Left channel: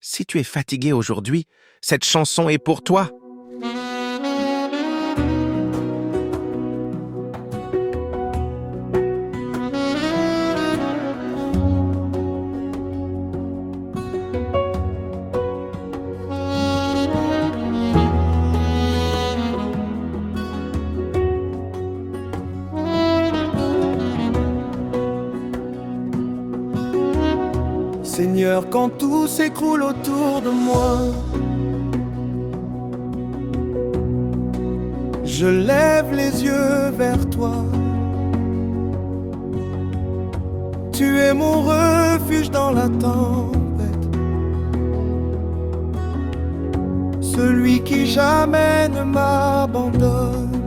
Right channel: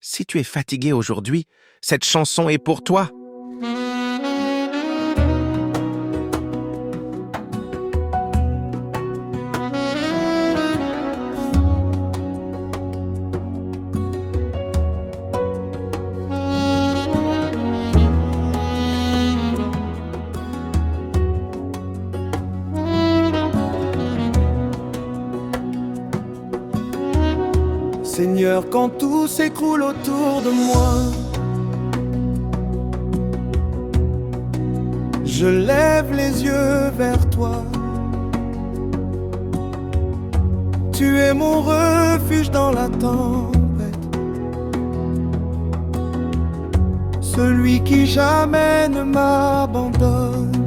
Si tu es fatigué aujourd'hui, cette chanson est pour toi. Seigneur, quand tout s'écroule autour de moi, je lève les yeux vers toi. Tu es mon refuge dans la tempête, celui qui jamais ne m'abandonne.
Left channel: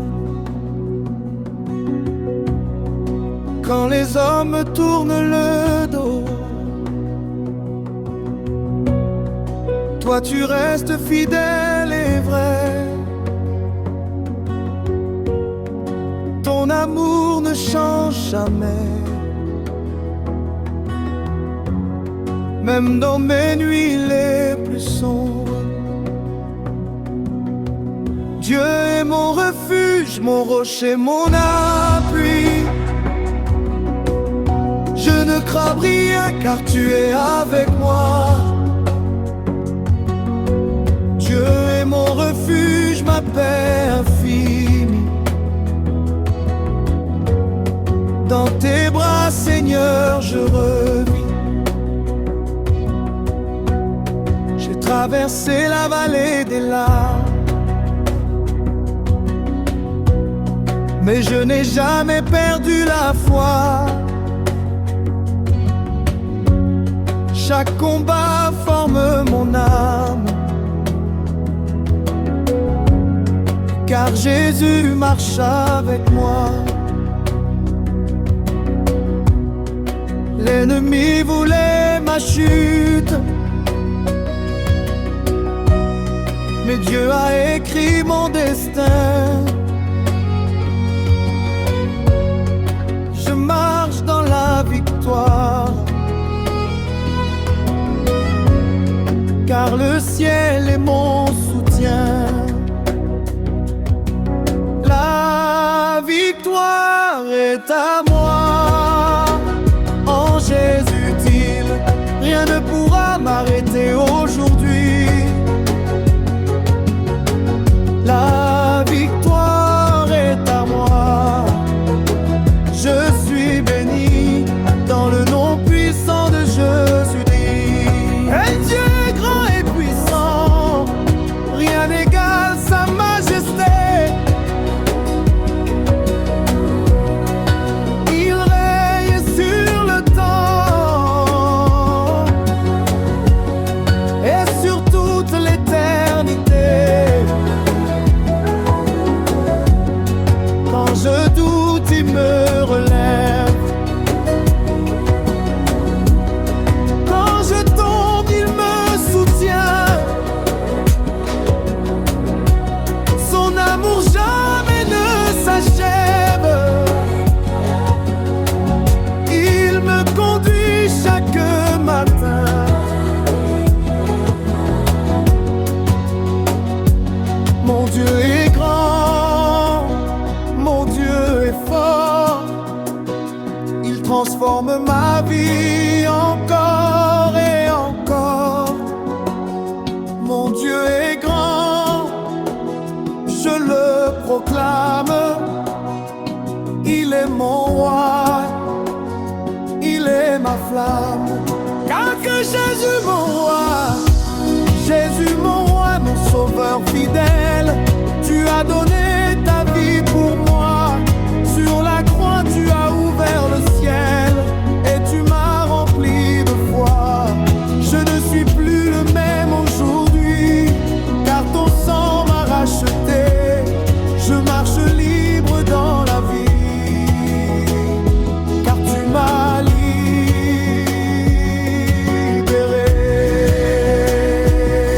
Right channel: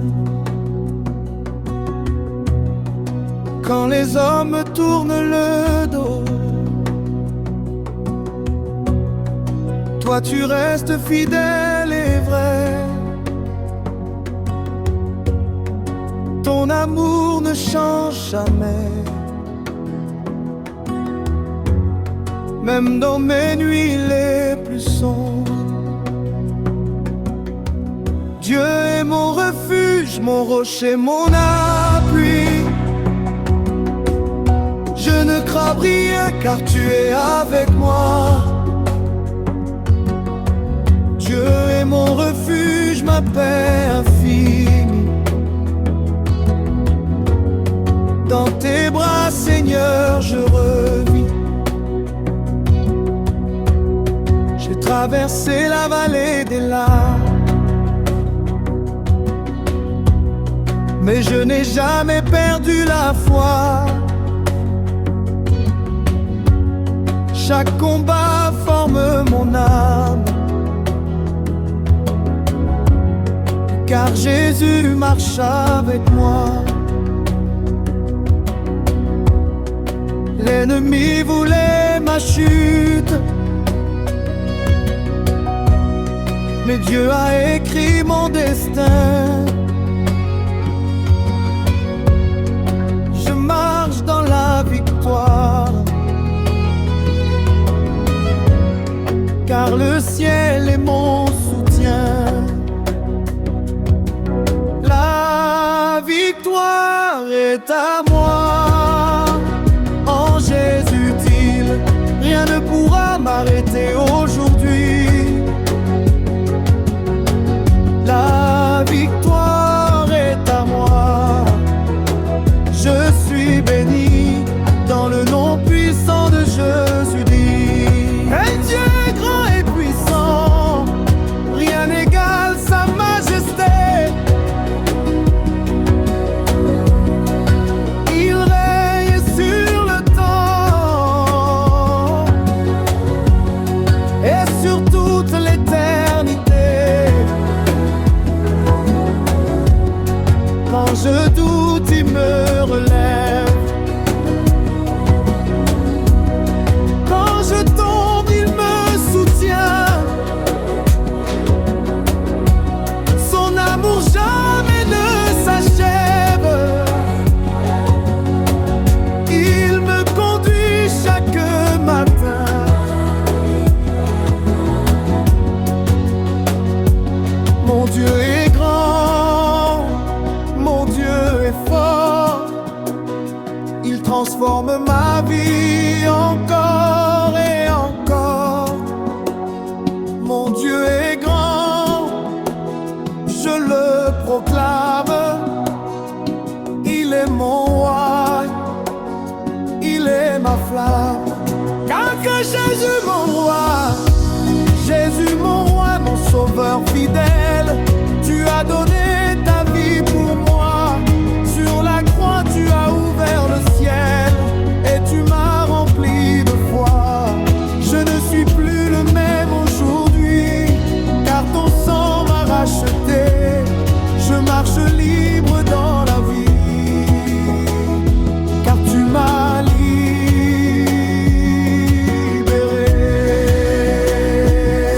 Quand les hommes me tournent le dos, toi tu restes fidèle et vrai. Ton amour ne change jamais. Même dans mes nuits les plus sombres, Dieu est mon refuge, mon rocher, mon appui. Je ne crains rien car tu es avec moi. Dieu est mon refuge, ma paix infinie. Dans tes bras, Seigneur, je revis. J'ai traversé la vallée des larmes, mais je n'ai jamais perdu la foi. Chaque combat forme mon âme, car Jésus marche avec moi. L'ennemi voulait ma chute, mais Dieu a écrit mon destin. Je marche dans la victoire, car le ciel est mon soutien. La victoire est à moi. En Jésus-il, rien ne pourra m'arrêter aujourd'hui. La victoire est à moi. Je suis béni dans le nom puissant de Jésus-dit. Et Dieu est grand et puissant, rien n'égale sa majesté. Il règne sur le temps et sur toute l'éternité. Quand je doute, il me relève. Quand je tombe, il me soutient. Son amour jamais ne s'achève. Il me conduit chaque matin. Mon Dieu est grand, mon Dieu est fort. Il transforme ma vie encore et encore. Mon Dieu est grand, je le proclame. Il est mon roi, il est ma flamme. Car que Jésus mon roi, Jésus mon roi, mon sauveur fidèle. Tu as donné ta vie pour moi. Sur la croix tu as ouvert le ciel et tu m'as rempli de foi. Je ne suis plus le même aujourd'hui, car ton sang m'a racheté. Je marche libre dans la vie, car tu m'as libéré.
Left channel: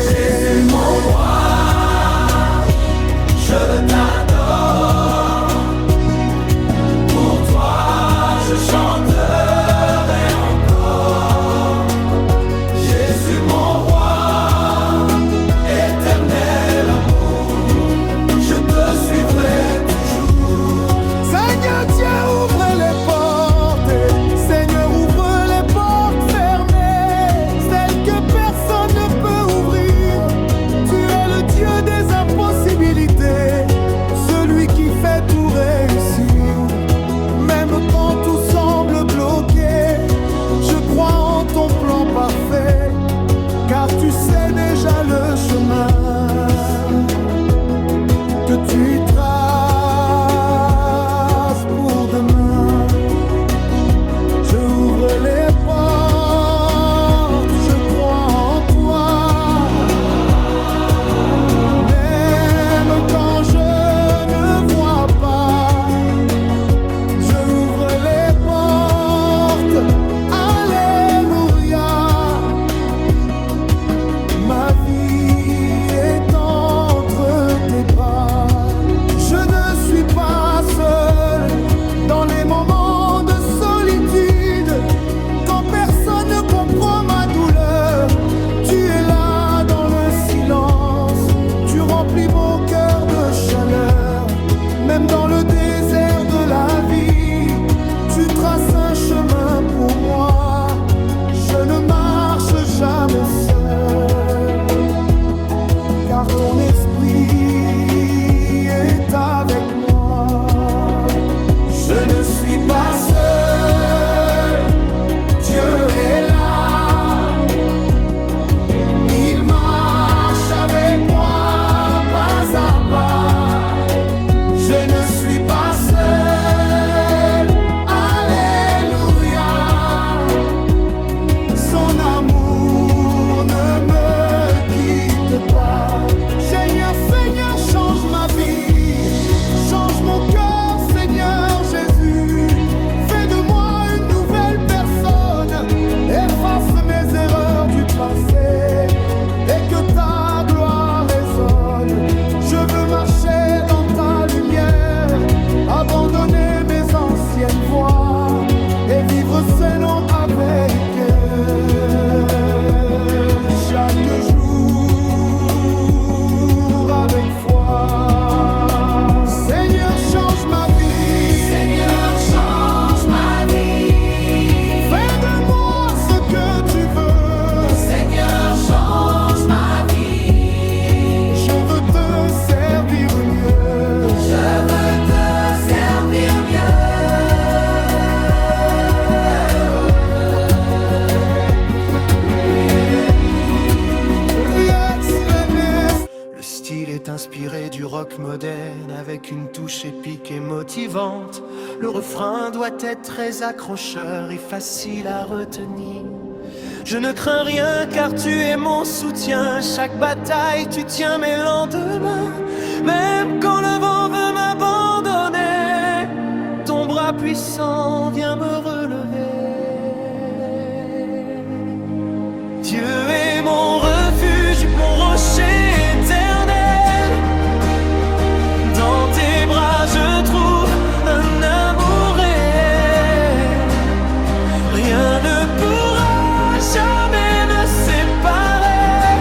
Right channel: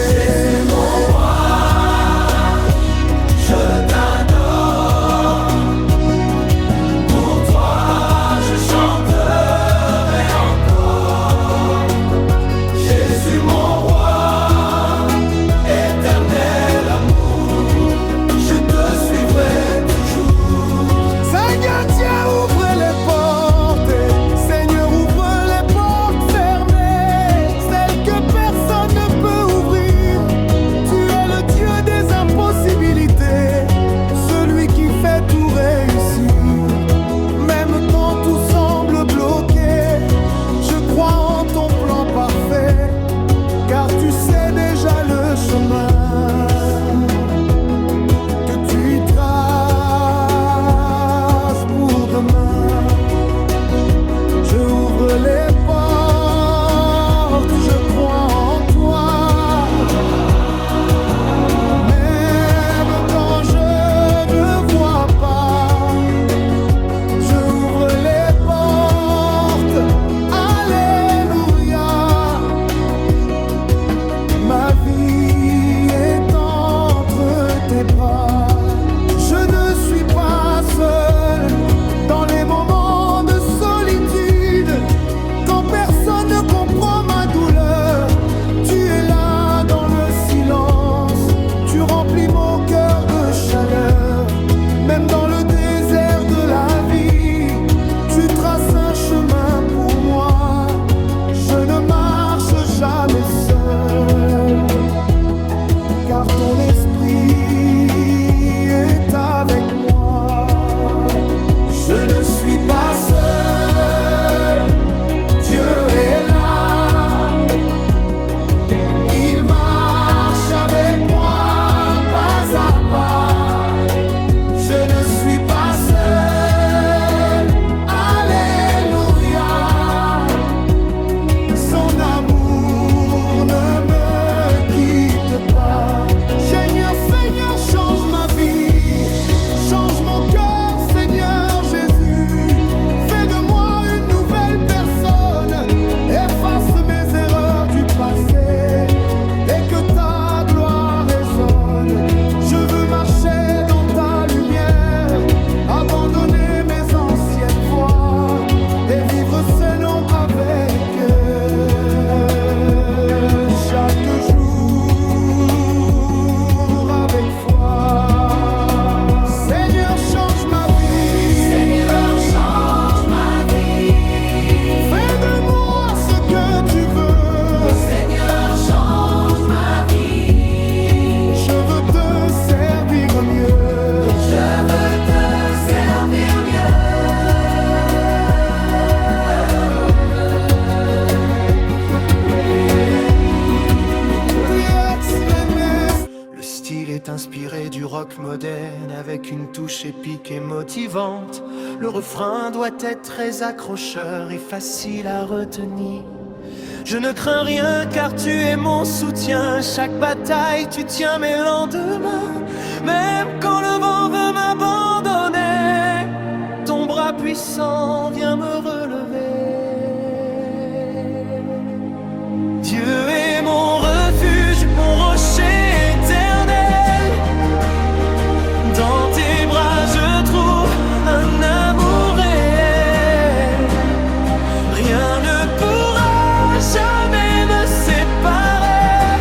Jésus mon roi, je t'adore. Pour toi je chanterai encore. Jésus mon roi, tout semble bloqué, je crois en ton plan parfait, car tu sais déjà le chemin que tu traces pour demain. Je ouvre les portes, je crois en toi, même quand je ne vois pas. Je ouvre les portes, alléluia. Ma vie est entre tes bras. Je ne suis pas seul dans les moments de solitude, quand personne ne comprend ma douleur. Tu es là dans le silence, tu remplis mon cœur de chaleur. Même dans le désert de la vie, tu traces un chemin pour moi. Je ne marche jamais seul, car ton esprit est avec moi. Je ne suis pas seul, Dieu est là. Il marche avec moi pas à pas. Je ne suis pas seul, alléluia. Son amour ne me quitte pas. Seigneur, Seigneur, change ma vie, change mon cœur, Seigneur Jésus. Fais de moi une nouvelle personne, efface mes erreurs du passé, et que ta gloire résonne. Je veux marcher dans ta lumière, abandonner mes anciennes voies et vivre sainement avec eux. Chaque jour avec foi. Seigneur, change ma vie. Seigneur, change ma vie. Fais de moi ce que tu veux. Seigneur, change ma vie. Je veux te servir mieux. Je veux te servir Le style est inspiré du rock moderne avec une touche épique et motivante. Le refrain doit être très accrocheur et facile à retenir. Je ne crains rien car tu es mon soutien. Chaque bataille tu tiens mes lendemains. Même quand le vent veut m'abandonner, ton bras puissant vient me relever. Dieu est mon refuge, mon rocher éternel. Dans tes bras je trouve un amour réel. Rien ne pourra jamais me séparer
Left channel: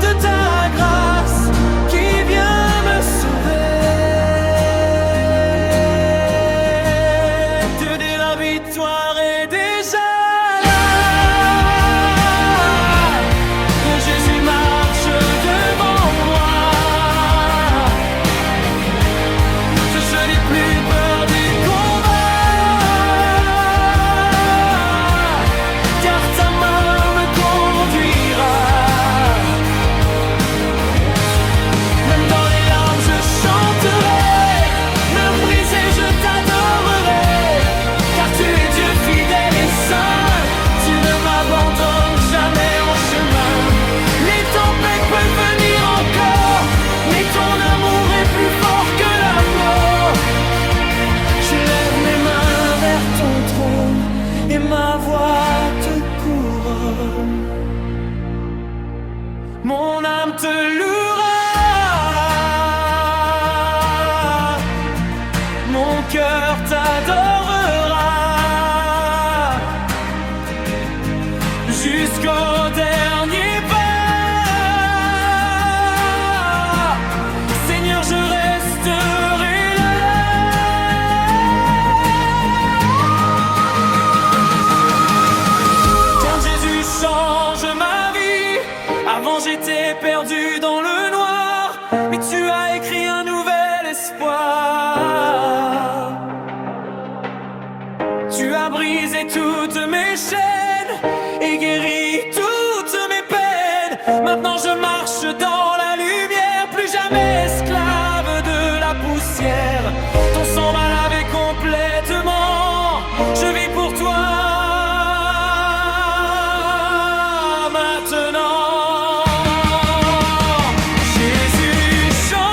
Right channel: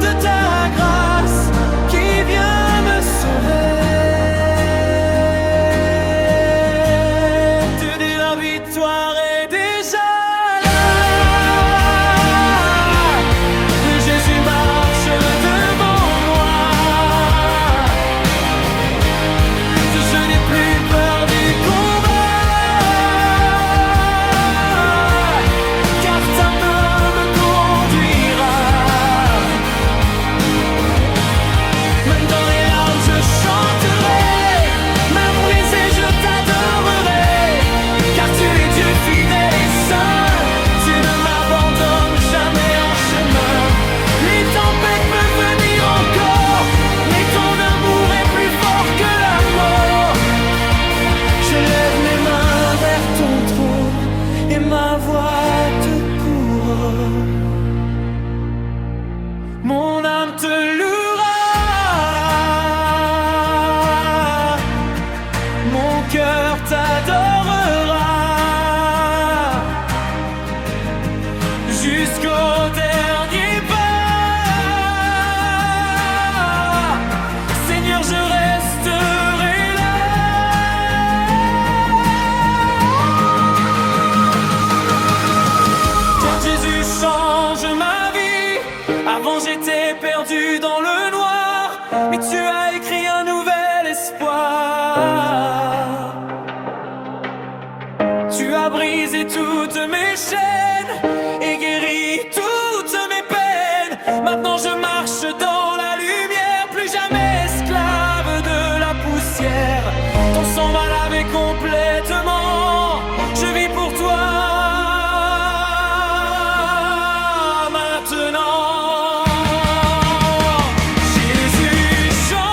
de ta grâce qui vient me sauver. Dieu de la victoire est déjà là. Jésus marche devant moi. Je n'ai plus peur du combat, car ta main me conduira. Même dans les larmes je chanterai, même brisé je t'adorerai, car tu es Dieu fidèle et saint. Tu ne m'abandonnes jamais en chemin. Les tempêtes peuvent venir encore, mais ton amour est plus fort que la mort. Je lève mes mains vers ton trône et ma voix te couronne. Mon âme te louera, mon cœur t'adorera, jusqu'au dernier pas. Seigneur, je resterai là. Car Jésus change ma vie. Avant j'étais perdu dans le noir, mais tu as écrit un nouvel espoir. Tu as brisé toutes mes chaînes et guéri toutes mes peines. Maintenant je marche dans la lumière, plus jamais esclave de la poussière. Ton sang m'a lavé complètement, je vis pour toi maintenant. Jésus change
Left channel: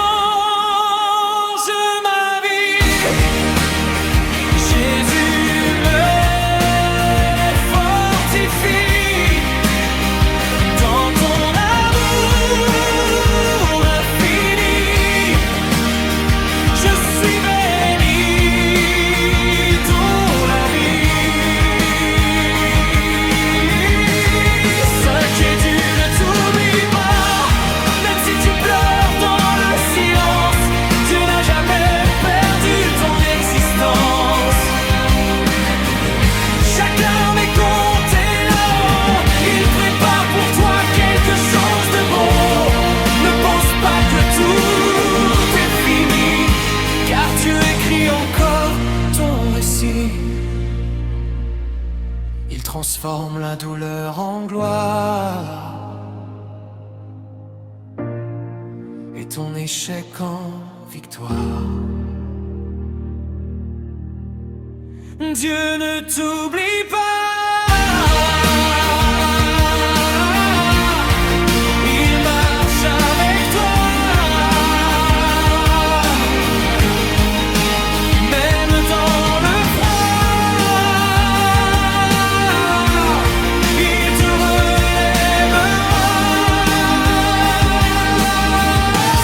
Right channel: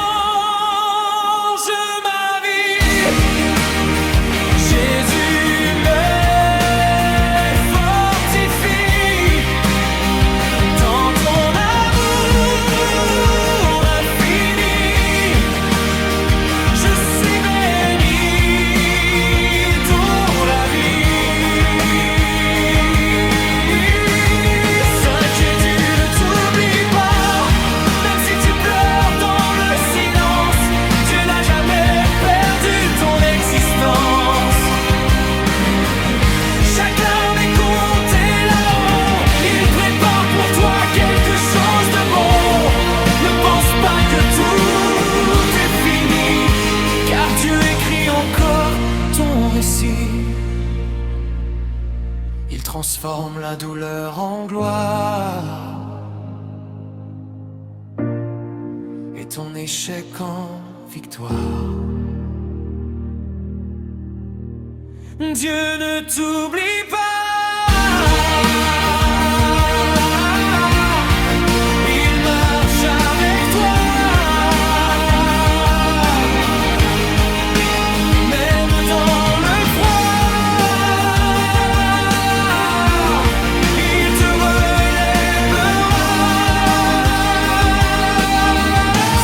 ma vie, Jésus me fortifie dans ton amour infini. Je suis béni dans la vie. S'inquiète, tu ne t'oublies pas, même si tu pleures dans le silence. Dieu n'a jamais perdu ton existence. Chaque larme est comptée là-haut, il prépare pour toi quelque chose de beau. Ne pense pas que tout est fini, car Dieu écrit encore ton récit. Il transforme la douleur en gloire et ton échec en victoire. Dieu ne t'oublie pas, il marche avec toi. Même dans le froid, il te relèvera.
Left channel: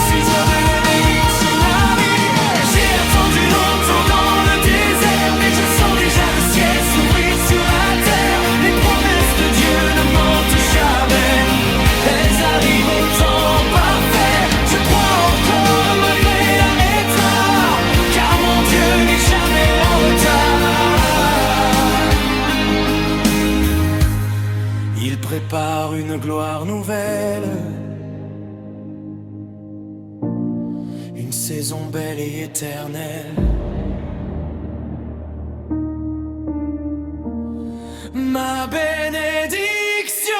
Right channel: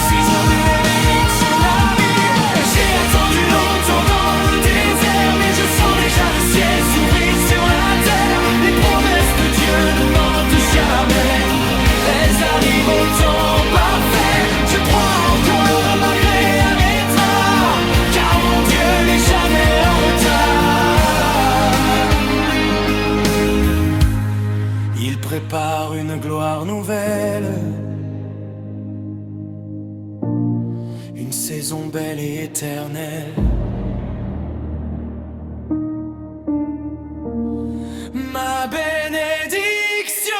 6 ans de bénédiction la vie, j'ai attendu longtemps dans le désert, mais je sens déjà le ciel s'ouvrir sur la terre. Les promesses de Dieu ne mentent jamais, elles arrivent au temps parfait. Je crois encore malgré un étard, car mon Dieu n'est jamais en retard. Il prépare une gloire nouvelle, une saison belle et éternelle. Ma bénédiction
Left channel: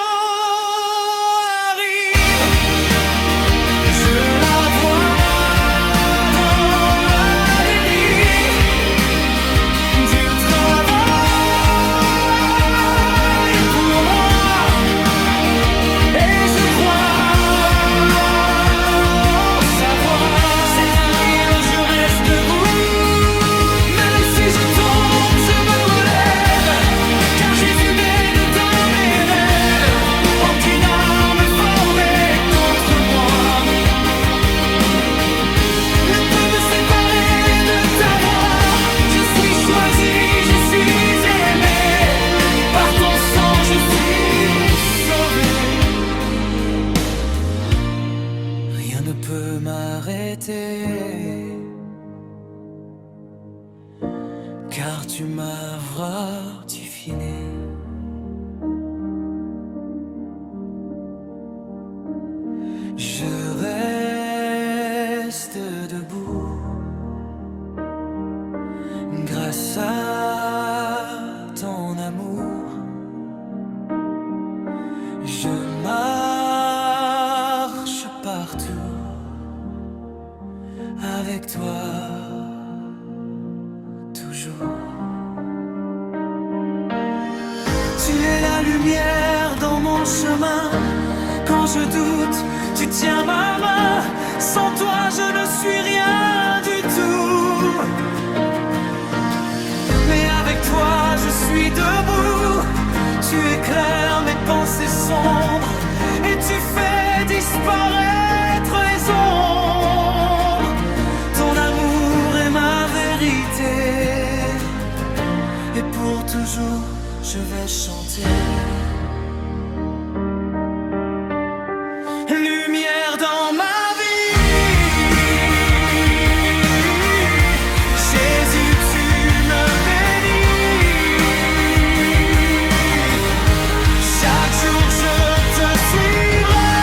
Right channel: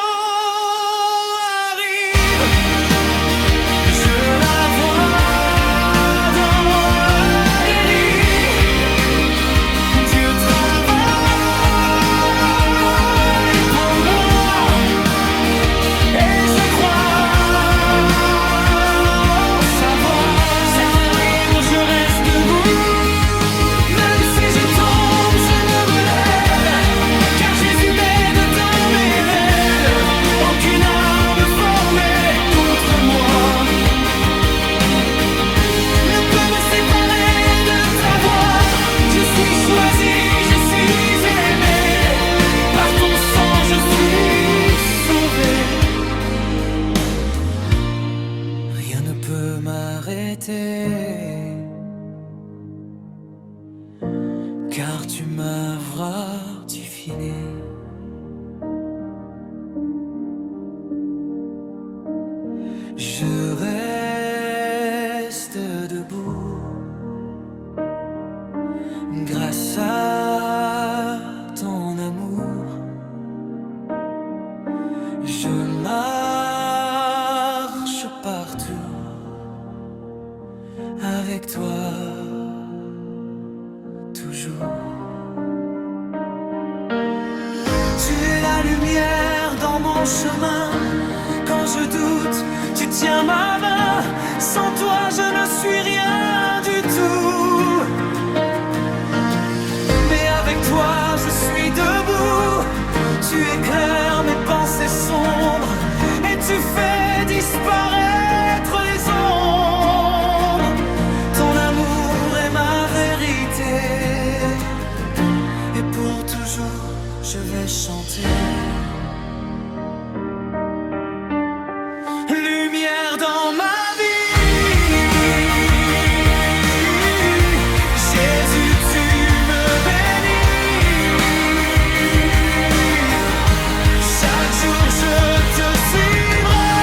arrive, je la vois dans la dérive. Dieu travaille pour moi et je crois en sa voix. C'est terrible, je reste debout, même si je tombe, je me relève, car Jésus m'aide dans mes rêves. Aucune arme formée contre moi ne peut me séparer de ta voix. Je suis choisi, je suis aimé, par ton sang je suis sauvé. Rien ne peut m'arrêter, car tu m'as fortifié. Je reste debout grâce à ton amour. Je marche partout avec toi, toujours. Tu es la lumière dans mon chemin. Quand je doute, tu tiens ma main. Sans toi, je ne suis rien du tout. Mais avec toi, je suis debout. Tu éclaires mes pensées sombres et tu fais disparaître les ombres. Ton amour est ma vérité et pour toujours, je vais chanter. Lumière dans ma vie, Jésus, tu me bénis. Chaque jour je te suivrai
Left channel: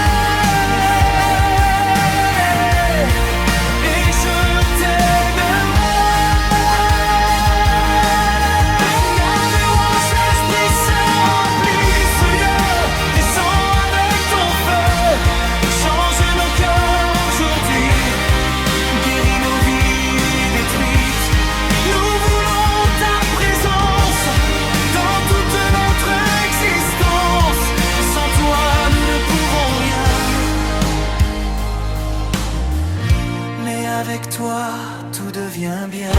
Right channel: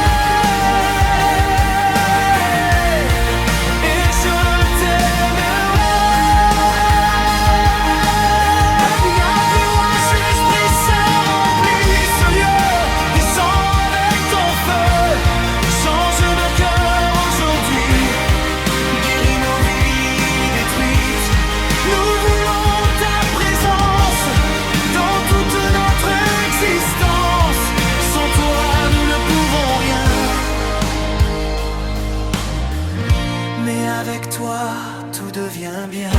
et je t'aimerai. mais avec toi, tout devient bien.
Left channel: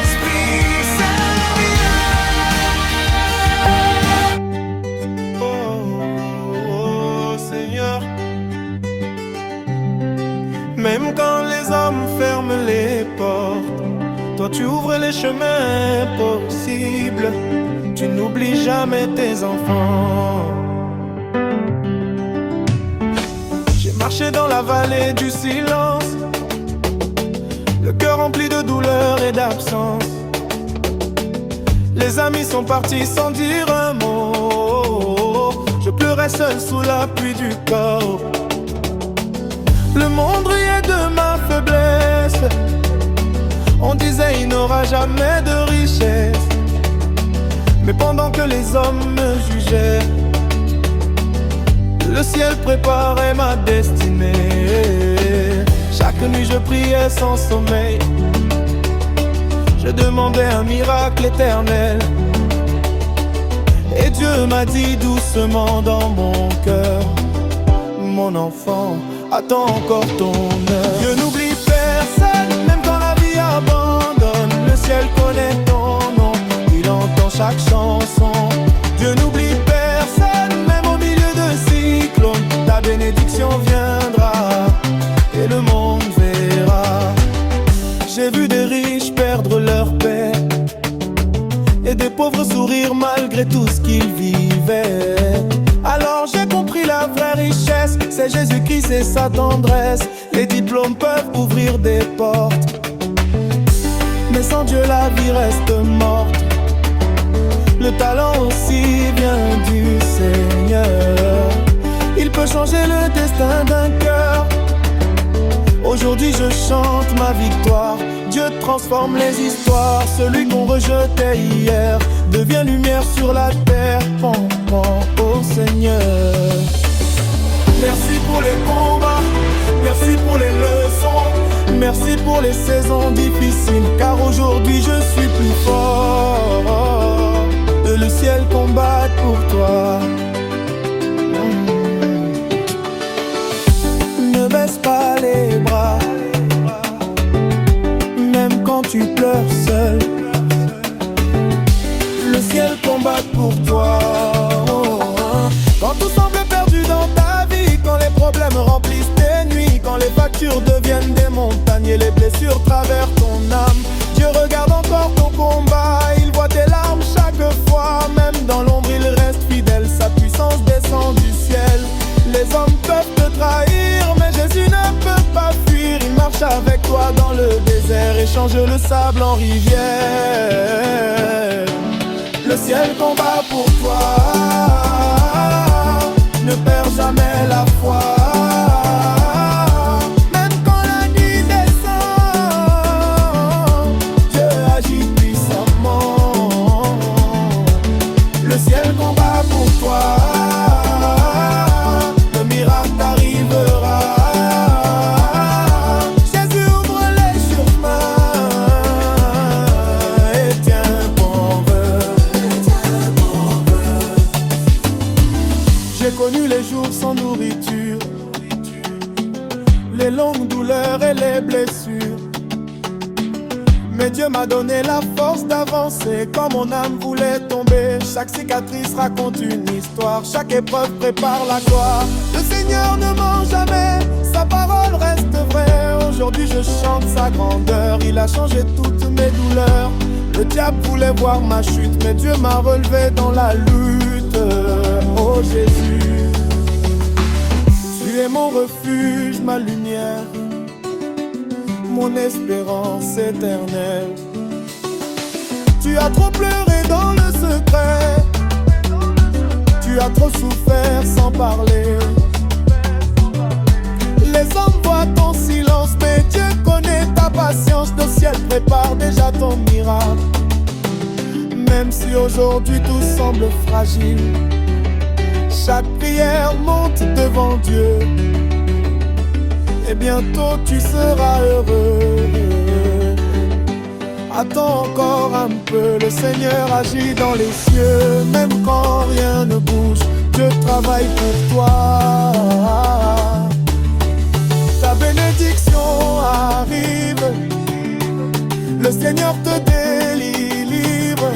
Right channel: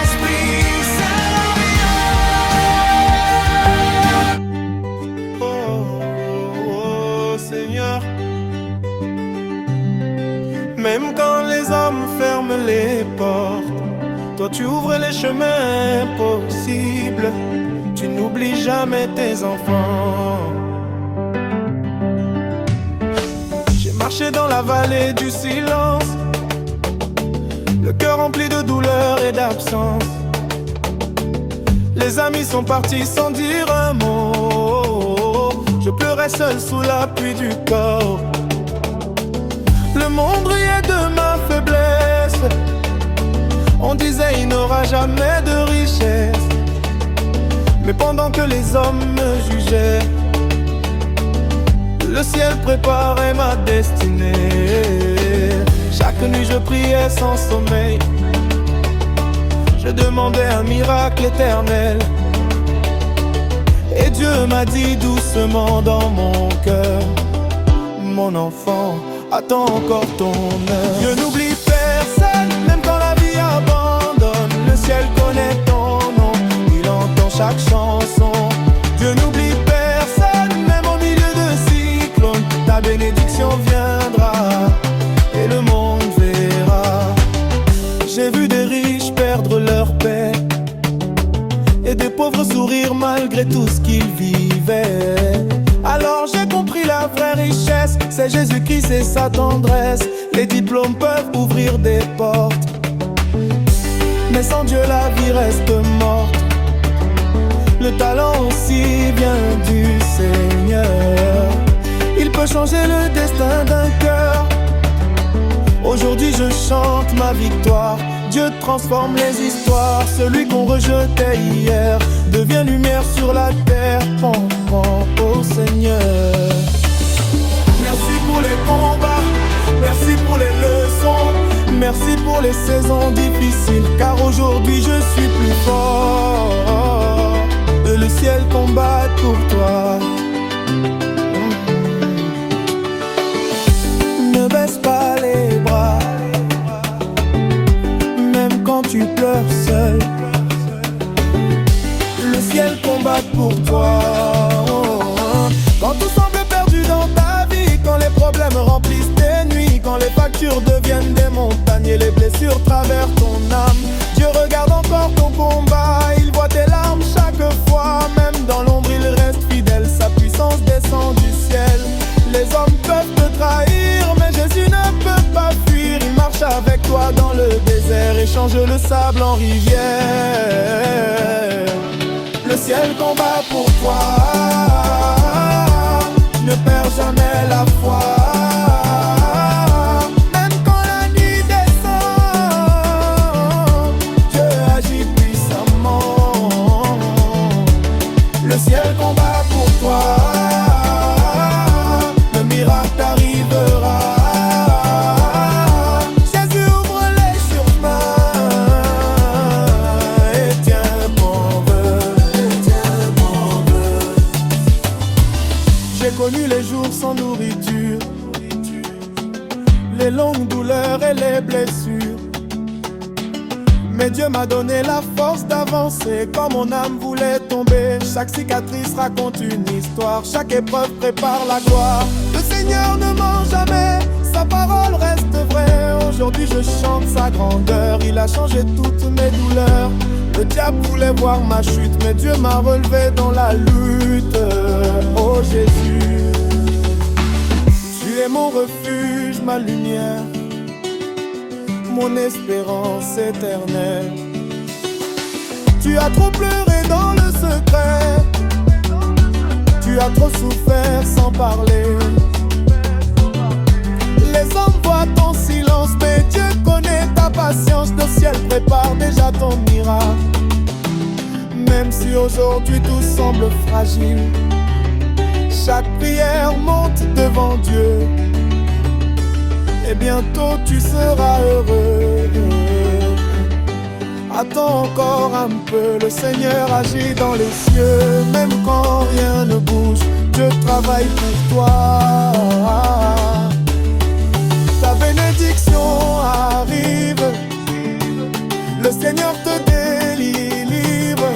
Esprit Saint, viens. Oh, Seigneur. Même quand les hommes ferment les portes, toi tu ouvres les chemins possibles. Tu n'oublies jamais tes enfants. J'ai marché dans la vallée du silence, le cœur rempli de douleur et d'absence. Les amis sont partis sans dire un mot. Je pleurais seul sous la pluie du corps. Le monde riait de ma faiblesse. On disait il n'aura jamais de richesse. Mais pendant que les hommes me jugeaient, le ciel préparait ma destinée. Chaque nuit je priais sans sommeil. Je demandais un miracle éternel. Et Dieu m'a dit doucement dans mon cœur: mon enfant, attends encore ton heure. Dieu n'oublie personne, même quand la vie abandonne. Le ciel connaît ton nom, il entend chaque chanson. Dieu n'oublie personne, même au milieu de cyclones. Ta bénédiction viendra et le monde verra. J'ai vu des riches perdre leur paix et des pauvres sourire malgré tout ce qu'ils vivaient. Alors j'ai compris la vraie richesse, c'est Jésus-Christ et sa tendresse. Les diplômes peuvent ouvrir des portes, mais sans Dieu la vie reste morte. Le talent aussi vient du Seigneur. Il peut changer le destin d'un cœur. Aujourd'hui je chante ma victoire. Dieu transforme les histoires. Celui qu'on rejetait hier devient lumière sur la terre. Prends au Seigneur. Merci pour les combats, merci pour les leçons, merci pour les saisons difficiles, car aujourd'hui je suis plus fort. Que le ciel combatte pour toi. Ne baisse pas les bras, même quand tu pleures seul. Le ciel combat pour toi. Quand tout semble perdu dans ta vie, quand les problèmes remplissent tes nuits, quand les factures deviennent des montagnes et les blessures traversent ton âme, Dieu regarde encore ton combat, il voit tes larmes chaque fois. Même dans l'ombre il reste fidèle, sa puissance descend du ciel. Les hommes peuvent te trahir, mais Jésus ne peut pas fuir. Il marche avec toi dans le désert et change le sable en rivière. Le ciel combat pour toi. Ne perds jamais la foi. Même quand la nuit descend, Dieu agit puissamment. Le ciel combat pour toi. Le miracle t'arrivera. Jésus ouvre les chemins et tiens bon vœu. J'ai connu les jours sans nourriture, les longues douleurs et les blessures. Mais Dieu m'a donné la force d'avancer quand mon âme voulait tomber. Chaque cicatrice raconte une histoire, chaque épreuve prépare la gloire. Le Seigneur ne ment jamais, sa parole reste vraie. Aujourd'hui je chante sa grandeur, il a changé toutes mes douleurs. Le diable voulait voir ma chute, mais Dieu m'a relevé dans la lutte. Oh Jésus, tu es mon refuge, ma lumière, mon espérance éternelle. Tu as trop pleuré dans le secret, tu as trop souffert sans parler. Les hommes voient ton silence, mais Dieu connaît ta patience. Le ciel prépare déjà ton miracle. Même si aujourd'hui tout semble fragile, chaque prière monte devant Dieu. Et bientôt tu seras heureux. Attends encore un peu, le Seigneur agit dans les cieux. Même quand rien ne bouge, je travaille pour toi. Ta bénédiction arrive, le Seigneur te délivre.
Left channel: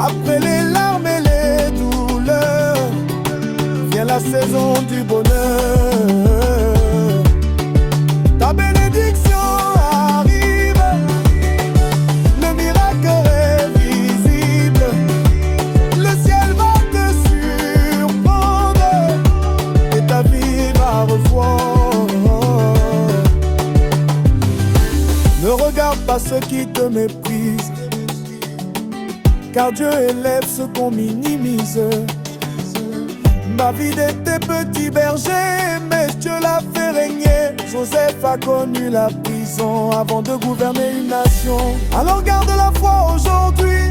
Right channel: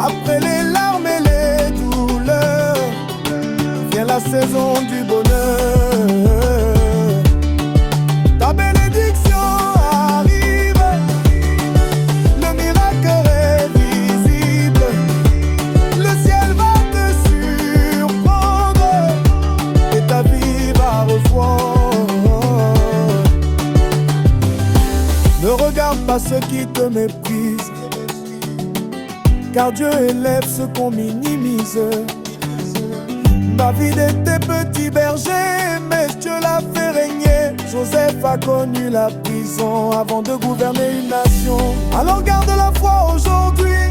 Après les larmes et les douleurs, vient la saison du bonheur. Ta bénédiction arrive, le miracle est visible. Le ciel va te surprendre et ta vie va revoir. Ne regarde pas ceux qui te méprisent, car Dieu élève ceux qu'on minimise. David était petit berger, mais Dieu l'a fait régner. Joseph a connu la prison avant de gouverner une nation. Alors garde la foi aujourd'hui,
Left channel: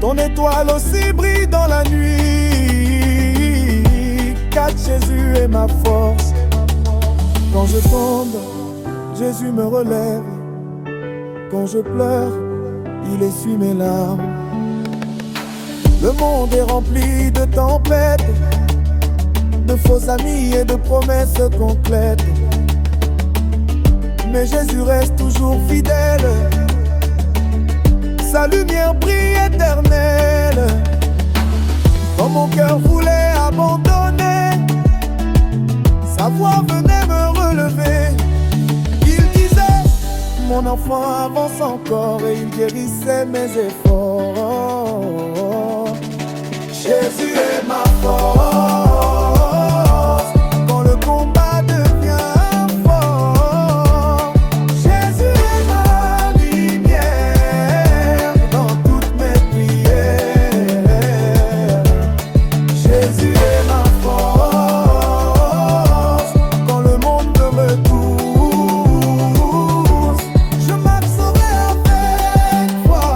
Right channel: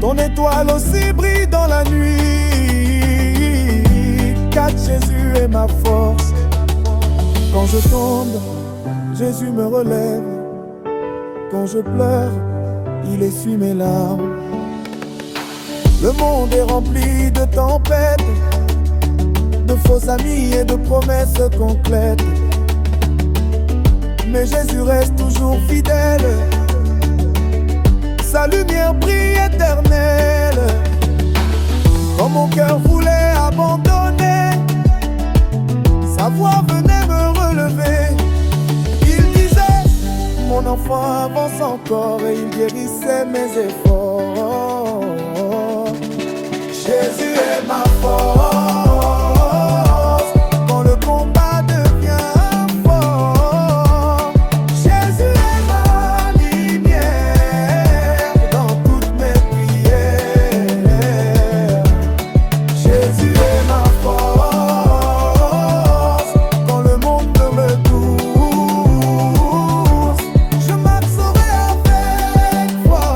ton étoile aussi brille dans la nuit. Car Jésus est ma force. Quand je tombe, Jésus me relève. Quand je pleure, il essuie mes larmes. Le monde est rempli de tempêtes, de faux amis et de promesses concrètes. Mais Jésus reste toujours fidèle, sa lumière brille éternelle. Quand mon cœur voulait abandonner, sa voix venait me relever. Il disait, mon enfant avance encore, et il guérissait mes efforts. Jésus est ma force quand le combat devient fort. Jésus est ma lumière dans toutes mes prières. Jésus est ma force quand le monde me pousse. Je marcherai avec foi,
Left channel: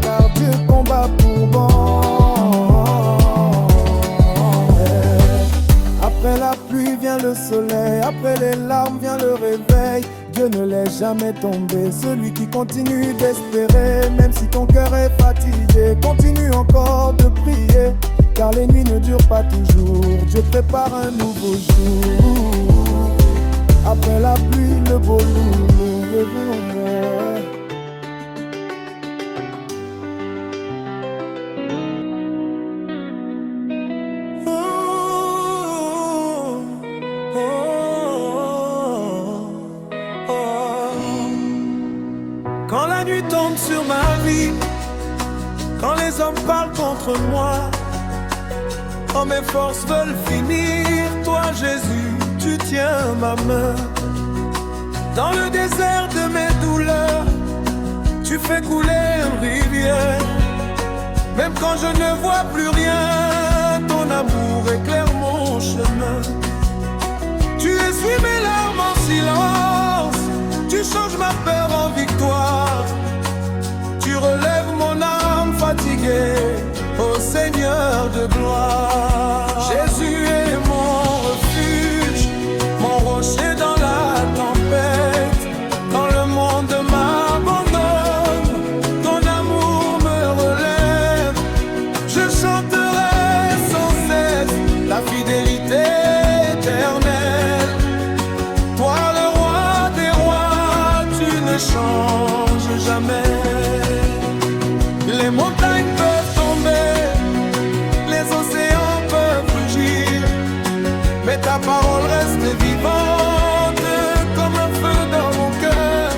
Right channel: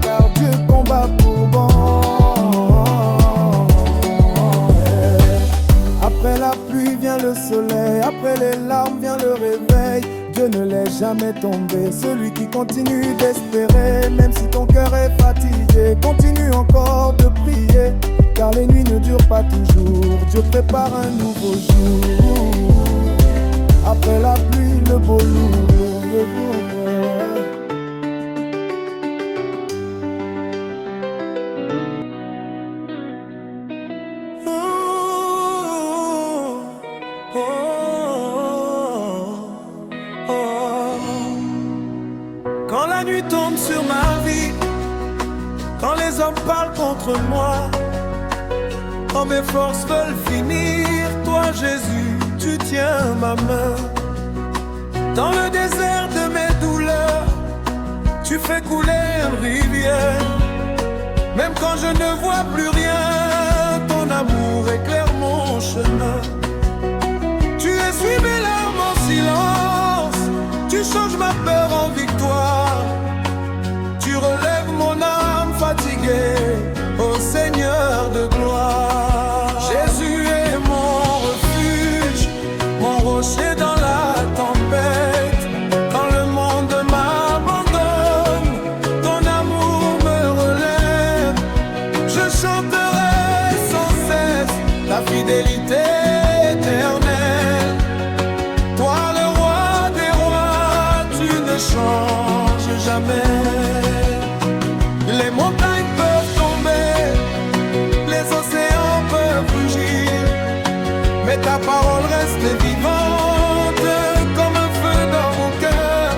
car Dieu combat pour bon. Après la pluie vient le soleil, après les larmes vient le réveil. Dieu ne laisse jamais tomber celui qui continue d'espérer. Même si ton cœur est fatigué, continue encore de prier, car les nuits ne durent pas toujours. Dieu prépare un nouveau jour. Après la pluie, le beau jour, le bonheur. Quand la nuit tombe sur ma vie, quand les hommes parlent contre moi, quand mes forces veulent finir, toi Jésus, tu tiens ma main. Dans le désert de mes douleurs, tu fais couler une rivière. Même quand je ne vois plus rien, ton amour éclaire mon chemin. Tu essuies mes larmes en silence, tu changes ma peur en victoire. Tu relèves mon âme fatiguée, ô Seigneur de gloire. Jésus est mon refuge, mon rocher dans la tempête. Quand le monde m'abandonne, ton amour me relève. Je chanterai sans cesse ta fidélité éternelle. Toi le roi des rois, tu ne changes jamais. Les montagnes peuvent tomber, les océans peuvent rugir, mais ta parole reste vivante comme un feu dans mon cœur.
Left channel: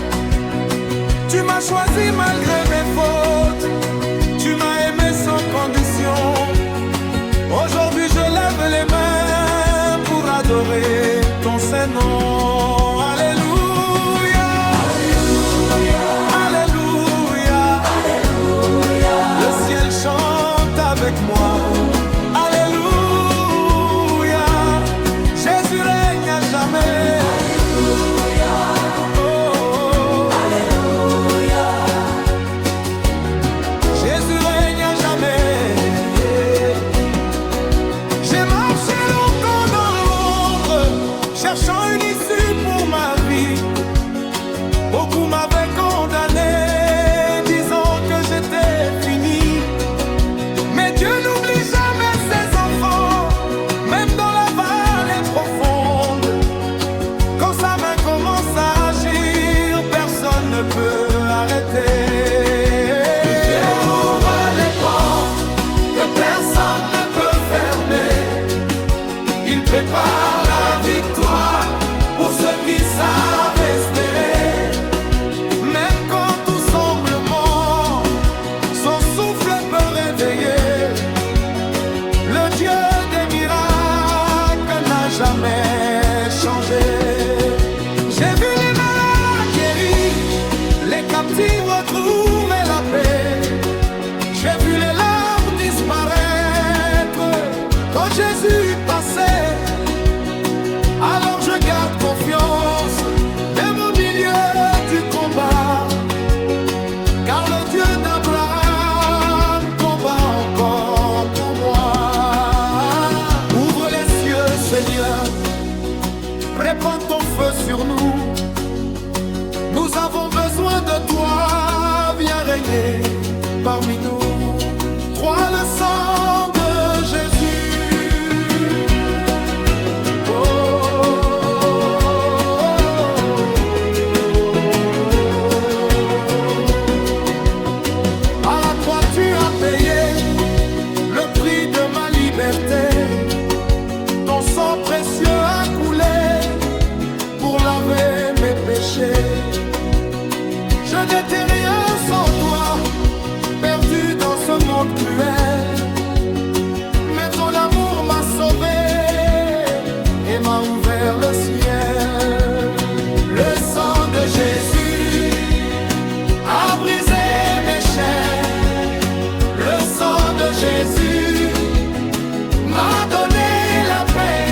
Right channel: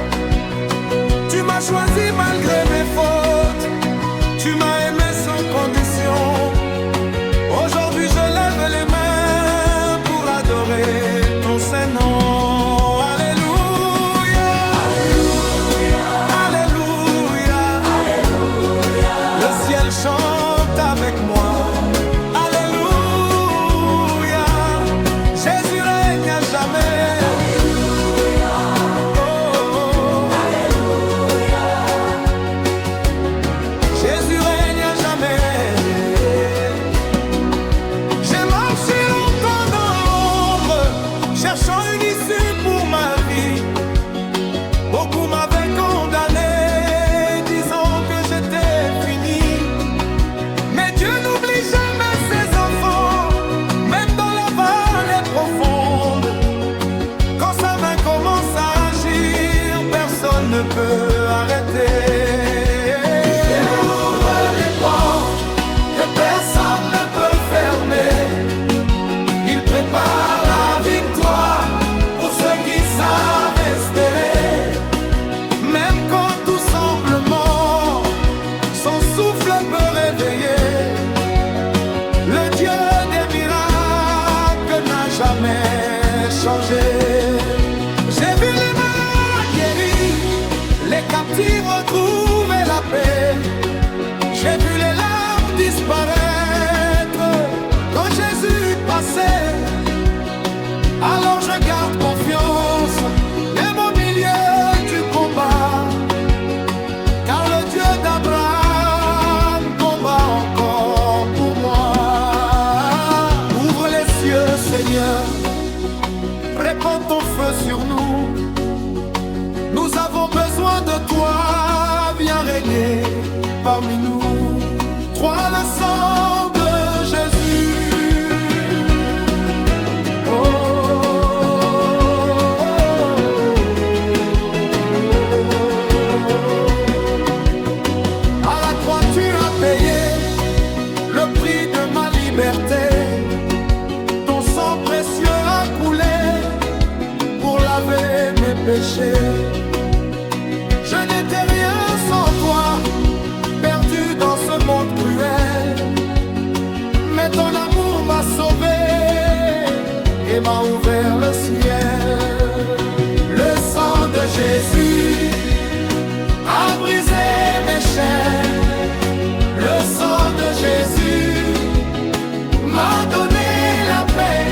Tu m'as choisi malgré mes fautes, tu m'as aimé sans condition. Aujourd'hui je lève les mains pour adorer ton saint nom. Alléluia, Alléluia, Alléluia. Le ciel chante avec moi. Alléluia, Jésus règne à jamais. Oh, oh. Jésus règne à jamais. J'ai marché longtemps dans l'ombre, cherchant une issue pour ma vie. Beaucoup m'avaient condamné, disant que j'étais fini. Mais Dieu n'oublie jamais ne peut arrêter. Il ouvre les portes que personne ne peut fermer. Il prépare la victoire pour ceux qui savent espérer. Même quand tout semble mort, son souffle peut réveiller. Le Dieu des miracles n'a jamais changé. J'ai vu les malades guéris, les captifs retrouver la paix. J'ai vu les larmes disparaître quand Jésus passait. Alors je garde confiance, même au milieu du combat, car le Dieu d'Abraham combat encore pour moi. Ouvre les cieux, Seigneur, répands ton feu sur nous. Nous avons besoin de toi, viens régner parmi nous. Crois le sang de Jésus. À la croix tu as payé le prix de ma liberté. Ton sang précieux a coulé pour laver mes péchés. Je n'étais rien sans toi, perdu dans ce monde cruel. Mais ton amour m'a sauvé et m'a ouvert le ciel. Le sang de Jésus a brisé mes chaînes. Le sang de Jésus m'a donné la paix.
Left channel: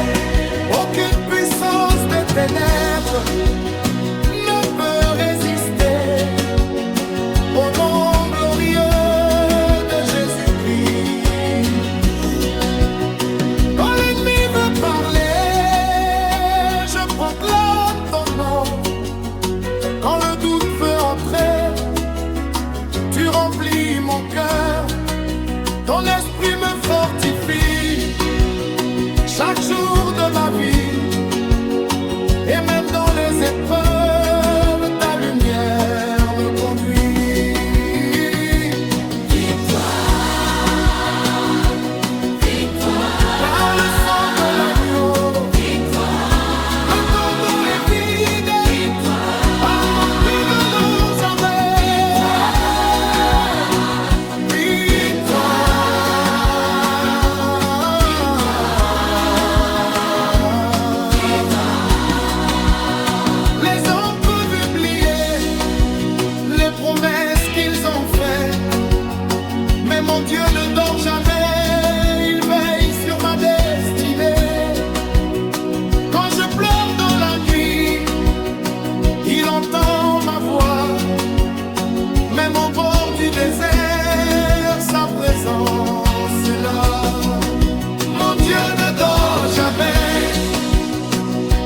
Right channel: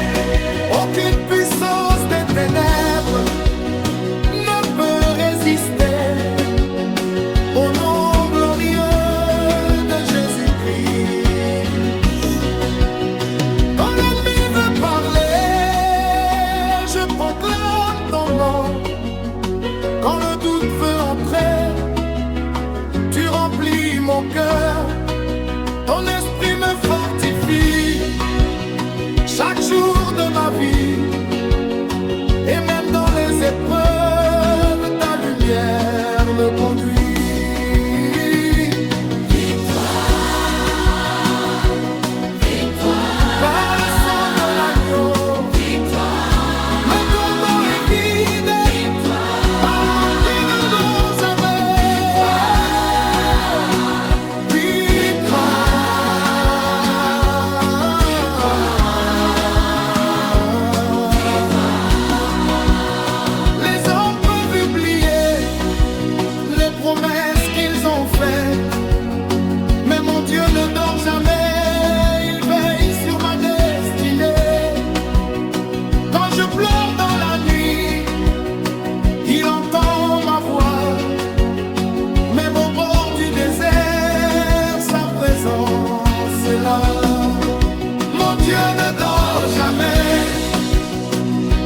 Aucune puissance des ténèbres ne peut résister au nom glorieux de Jésus-Christ. Quand l'ennemi veut parler, je proclame ton nom. Quand le doute veut entrer, tu remplis mon cœur. Ton esprit me fortifie chaque jour de ma vie. Et même dans les épreuves, ta lumière me conduit. Par le sang de l'agneau, le tombeau est vide. Par mon qui nous jamais. Les hommes peuvent oublier les promesses qu'ils ont faites, mais mon Dieu ne dort jamais, il veille sur ma destinée. Quand je pleure dans la nuit, il entend ma voix. Même au bord du désert, sa présence est là. Mon Dieu ne dort jamais,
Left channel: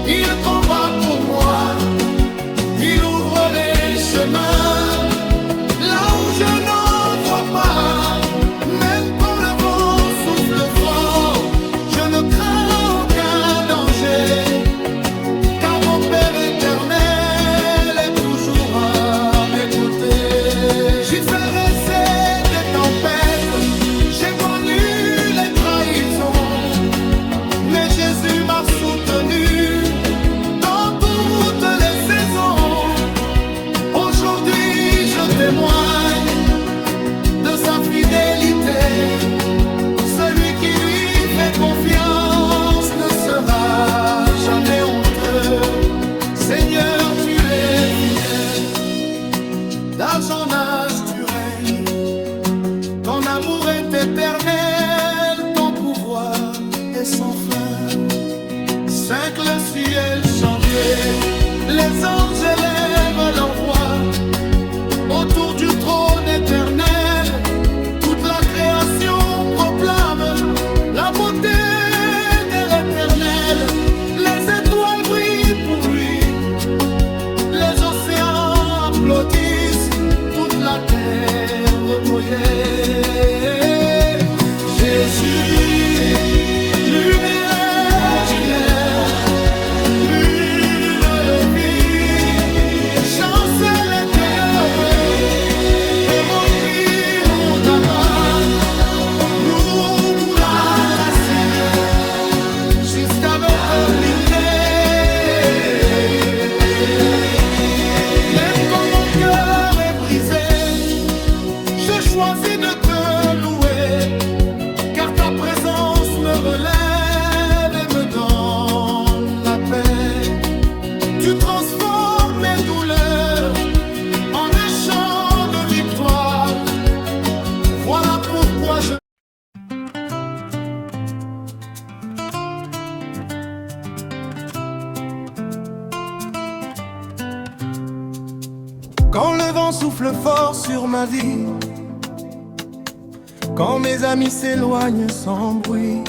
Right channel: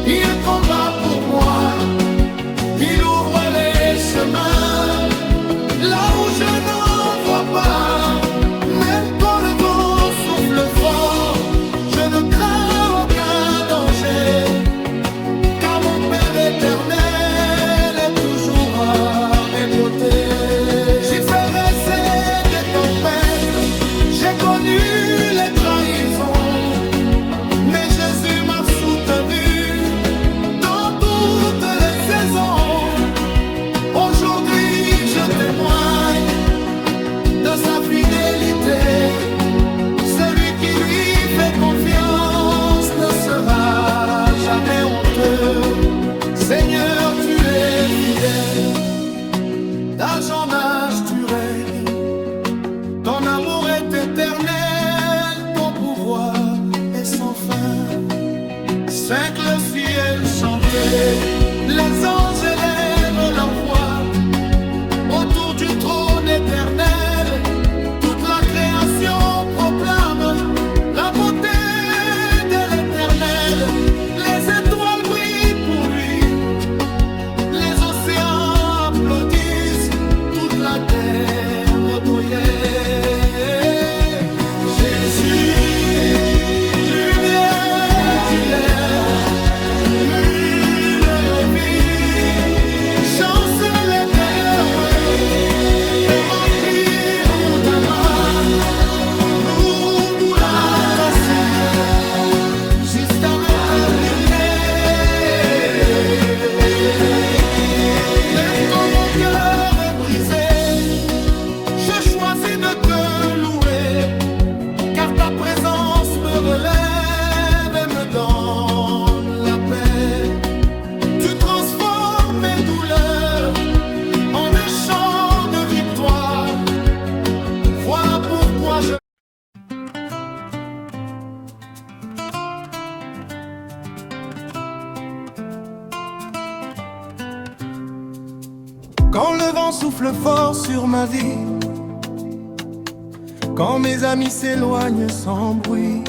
il combat pour moi. Il ouvre les chemins là où je n'en vois pas. Même quand le vent souffle fort, je ne crains aucun danger, car mon Père éternel est toujours à mes côtés. J'y fais rester des tempêtes, j'ai connu les trahisons, mais Jésus m'a soutenu dans toutes les saisons. Aujourd'hui je témoigne de sa fidélité. Celui qui lui fait confiance ne sera jamais honteux. Seigneur, tu es fidèle, d'âge en âge tu règnes. Ton amour est éternel, ton pouvoir est sans fin. Cinq le ciel chantait, les anges élèvent leur voix. Autour du trône éternel, toute la création proclame la beauté de l'Éternel. Les étoiles brillent pour lui, les océans applaudissent, toute la terre recueillait. Jésus, lumière du lait, l'huile de vie, chancelle l'éternel. toi je... Quand le vent souffle fort sur ma vie, quand mes amis s'éloignent sans bruit,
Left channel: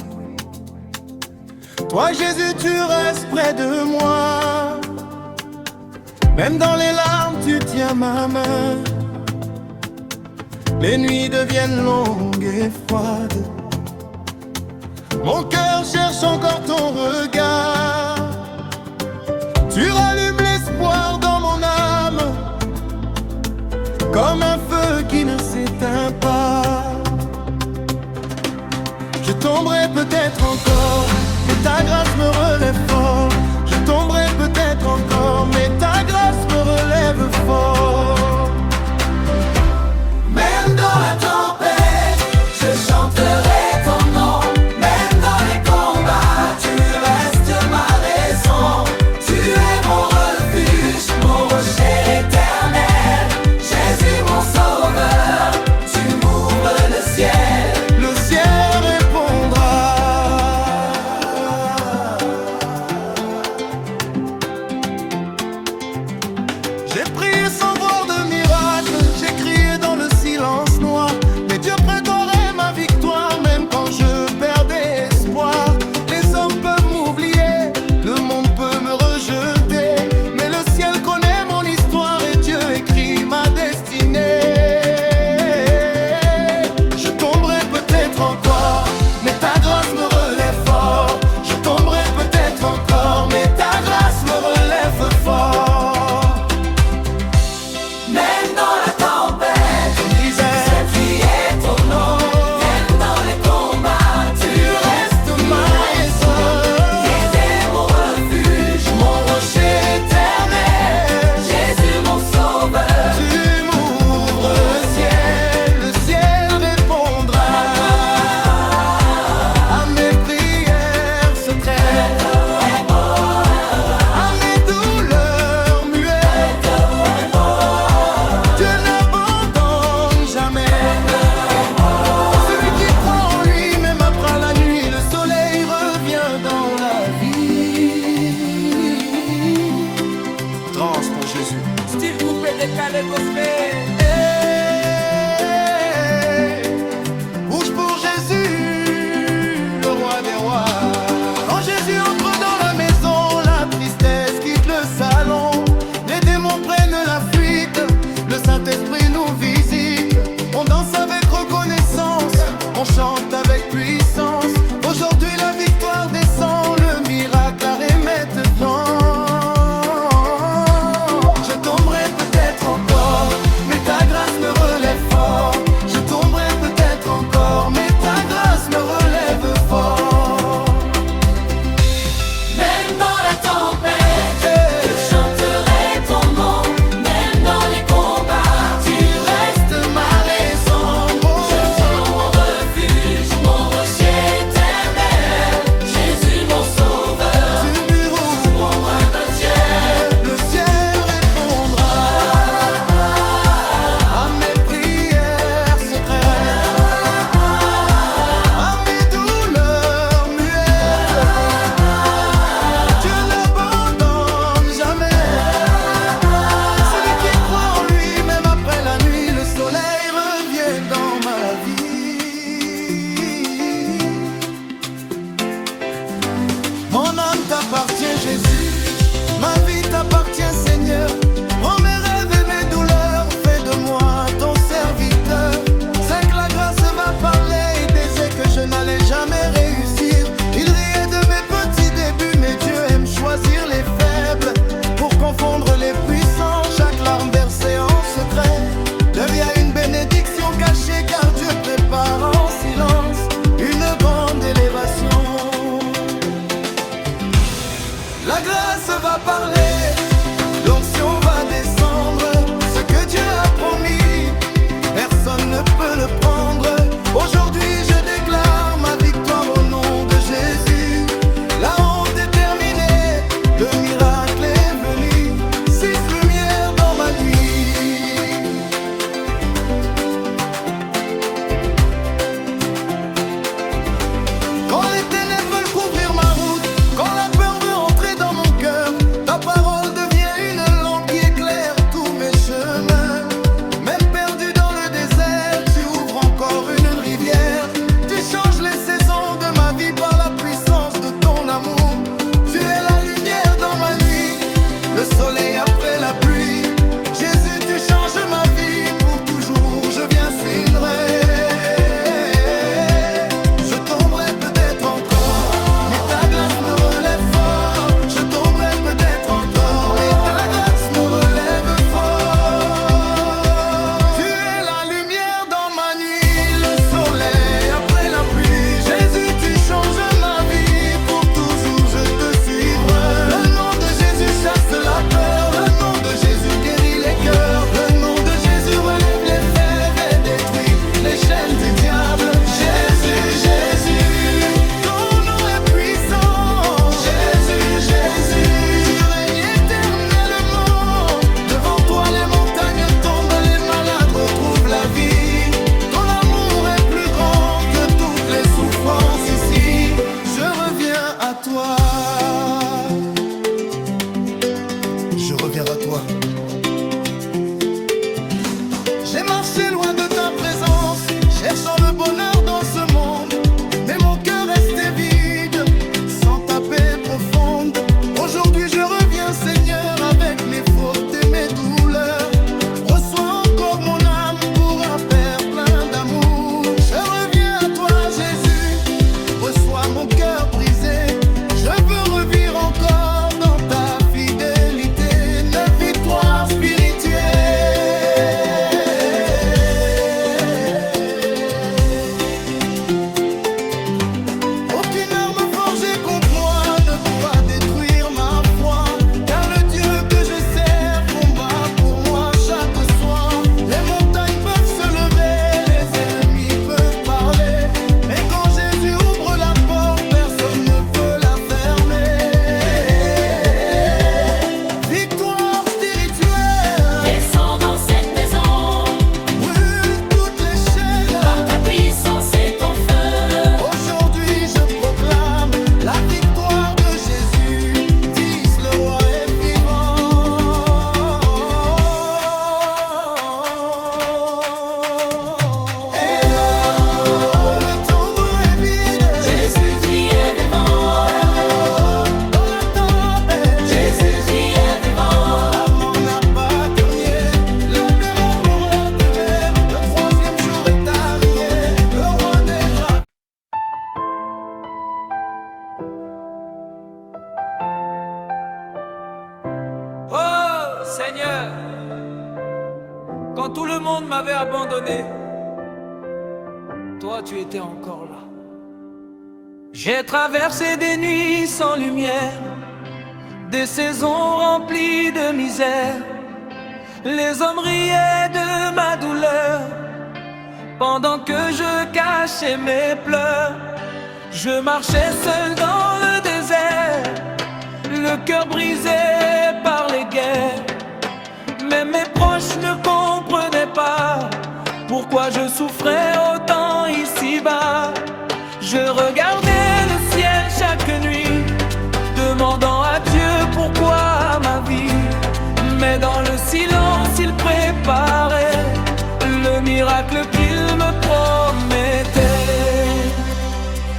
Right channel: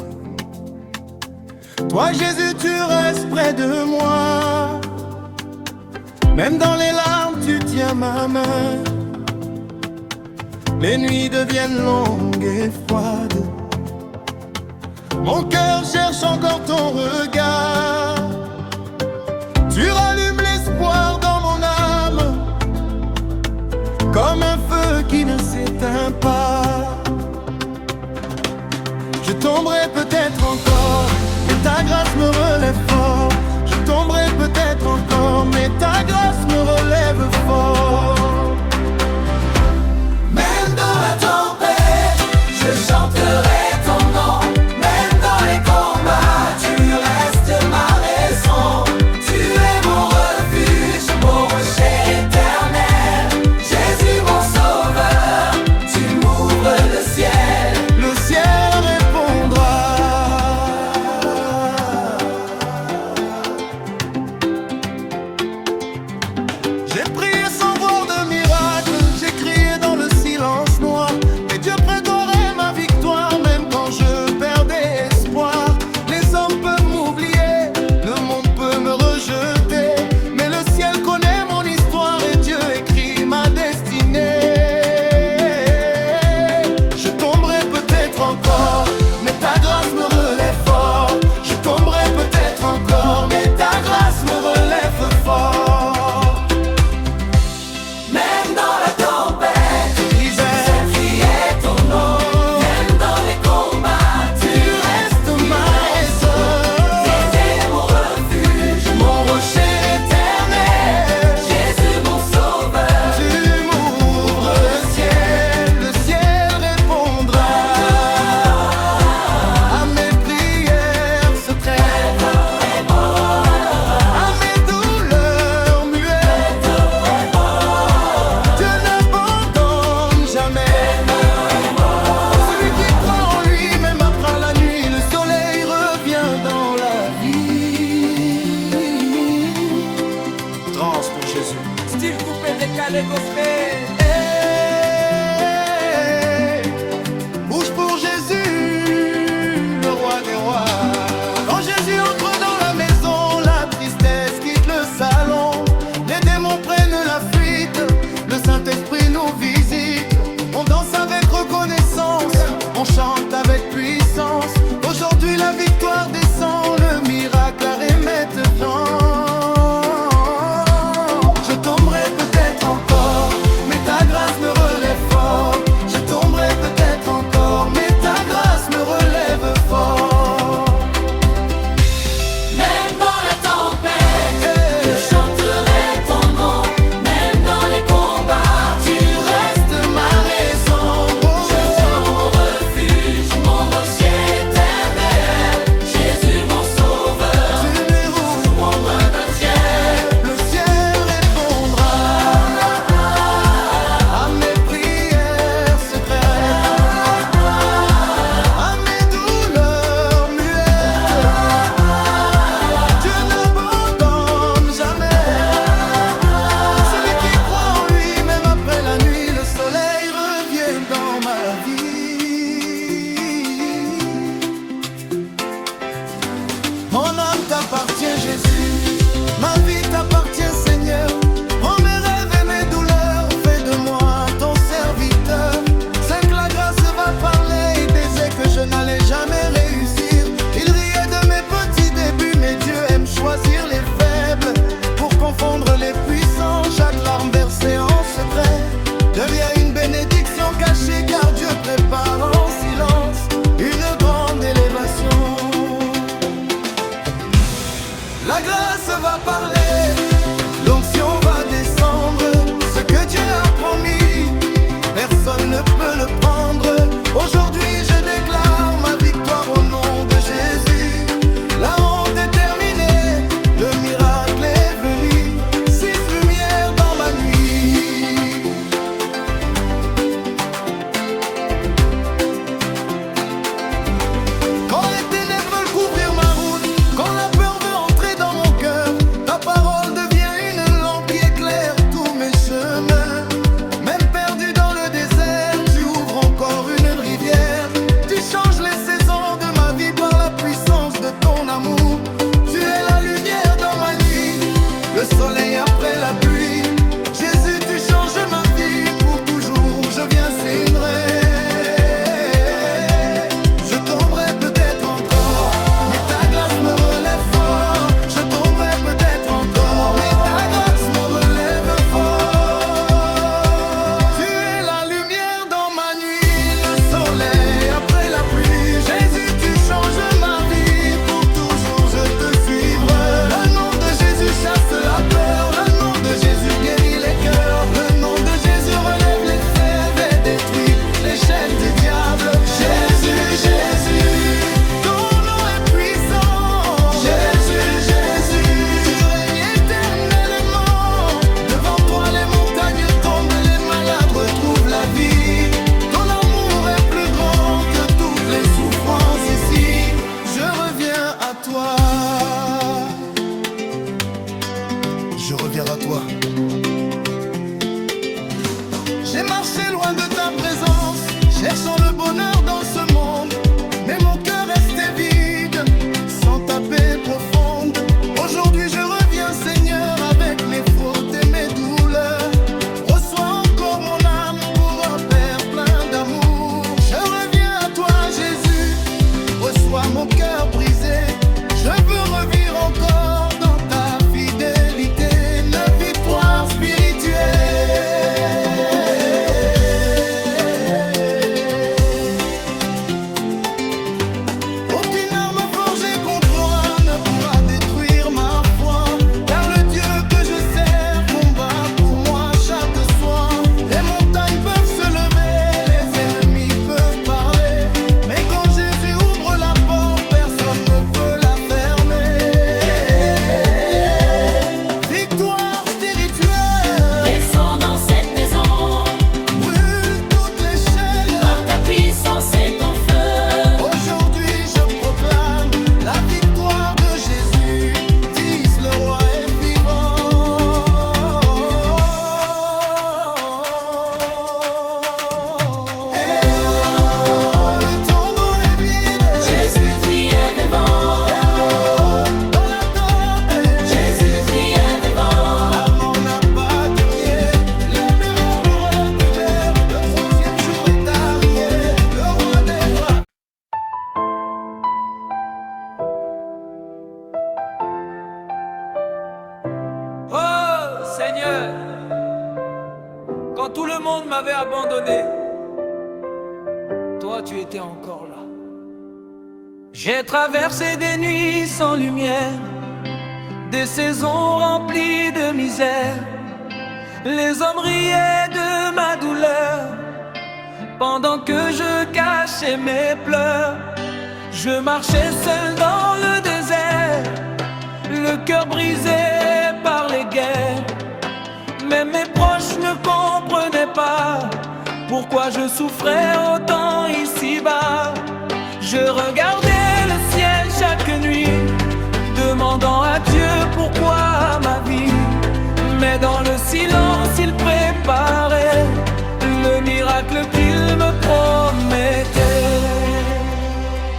toi Jésus tu restes près de moi. Même dans les larmes tu tiens ma main. Les nuits deviennent longues et froides. Mon cœur cherche encore ton regard. Tu rallumes l'espoir dans mon âme, comme un feu qui ne s'éteint pas. Je tomberai peut-être encore, mais ta grâce me relève fort. Je tomberai peut-être encore, mais ta grâce me relève fort. Même dans la tempête, je chanterai ton nom. Même dans les combats, tu restes ma raison. Tu es mon refuge, mon rocher éternel. Jésus mon sauveur, tu m'ouvres le ciel. Le ciel répondra. J'ai prié sans voir de miracle, j'ai crié dans le silence noir, mais Dieu préparait ma victoire, même quand je perdais espoir. Les hommes peuvent m'oublier, le monde peut me rejeter, mais le ciel connaît mon histoire et Dieu écrit ma destinée. Je tomberai peut-être encore, mais ta grâce me relève fort. Je tomberai peut-être encore, mais ta grâce me relève fort. Même dans la tempête, Disais, j'ai crié ton nom. Même dans les combats, tu tu restes ma raison, es mon refuge. mon rocher éternel. Jésus mon sauveur, Tu m'ouvres le ciel répondra à mes prières secrètes, à mes douleurs muettes. Dieu n'abandonne jamais celui qui croit en lui, même après la nuit, le soleil revient dans la vie. Trance pour Jésus. Style coupé, décalé, gospel. Hey, bouge pour Jésus, le roi des rois. Quand Jésus entre dans la maison, la tristesse quitte le salon. Les démons prennent la fuite, le Saint-Esprit nous visite. On danse avec reconnaissance, on chante avec puissance. Aujourd'hui la victoire descend, le miracle arrive maintenant. Je tomberai peut-être encore, mais ta grâce me relève fort. Je tomberai peut-être encore, mais ta grâce me relève fort. même dans la tempête, Hey, je chanterai ton nom. Même dans les combats, tu restes ma raison. Oh, mon refuge, mon rocher éternel. Jésus mon sauveur, tu me rouvres le ciel. le ciel répondra à mes prières secrètes, à mes douleurs muettes. Dieu n'abandonne jamais celui qui croit en lui, même après la nuit, le soleil revient dans ma vie. Mon âme t'appartient, Jésus. Ma vie t'appartient, Seigneur. Prends mes rêves et mes douleurs. Fais de moi ton serviteur. C'est que la grâce va parler. Il disait que je n'allais jamais réussir. Il riait de mes petits débuts, mais Dieu aime choisir les faibles pour confondre les puissants. Chaque larme versée en secret devient une bénédiction cachée, car Dieu prépare en silence une grande élévation. La grâce va parler, l'onction va descendre. Ce que Dieu a promis, personne ne peut le prendre. Aujourd'hui je déclare ma victoire au nom de Jésus. La honte est terminée, le miracle est venu. 6 lumières dans ma nuit. toi. Je reviens à toi. J'ai marché loin de ta présence, cherchant le bonheur dans ce monde. Mais mon cœur restait vide, sans ta paix profonde. Aujourd'hui je reviens, Seigneur, avec mes fautes et mes douleurs. Reçois encore mon âme pour un Père plein d'amour. Je reviens à toi, Jésus, reçois mon cœur brisé. Je veux revivre encore dans ta fidélité, une victoire spirituelle. Aucune arme forgée contre moi ne pourra détruire ma foi, car le Dieu que je sers combat pour moi chaque soir. Les montagnes peuvent se lever, les ennemis peuvent parler, mais quand Jésus ouvre la porte, personne ne peut la fermer. Victoire spirituelle, Descends dans cette maison, brûle toutes les chaînes. par ta puissance et ton feu. Aujourd'hui je proclame la victoire de Jésus. Dis, le roi est vivant. Le tombeau est vide. Jésus-Christ est vivant. Dans la tempête, Jésus-Christ est vivant. la mort n'a pas dernier. Le péril reculaire, le troisième jour est arrivé. Le renaîtra. Oh Seigneur, quand tout le monde m'avait abandonné, toi tu étais encore là. J'ai traversé des nuits sans lumière, des saisons remplies de misère. Les hommes riaient de ma douleur, pendant que je cachais mes pleurs. Je marchais seul dans le désert, le cœur brisé par les guerres. Mais mes proches ne comprenaient pas pourquoi je souffrais autant ici-bas. Je regardais le ciel chaque nuit, demandant à Dieu pourquoi ma vie. Mais dans le silence il préparait le miracle qu'il me promettait.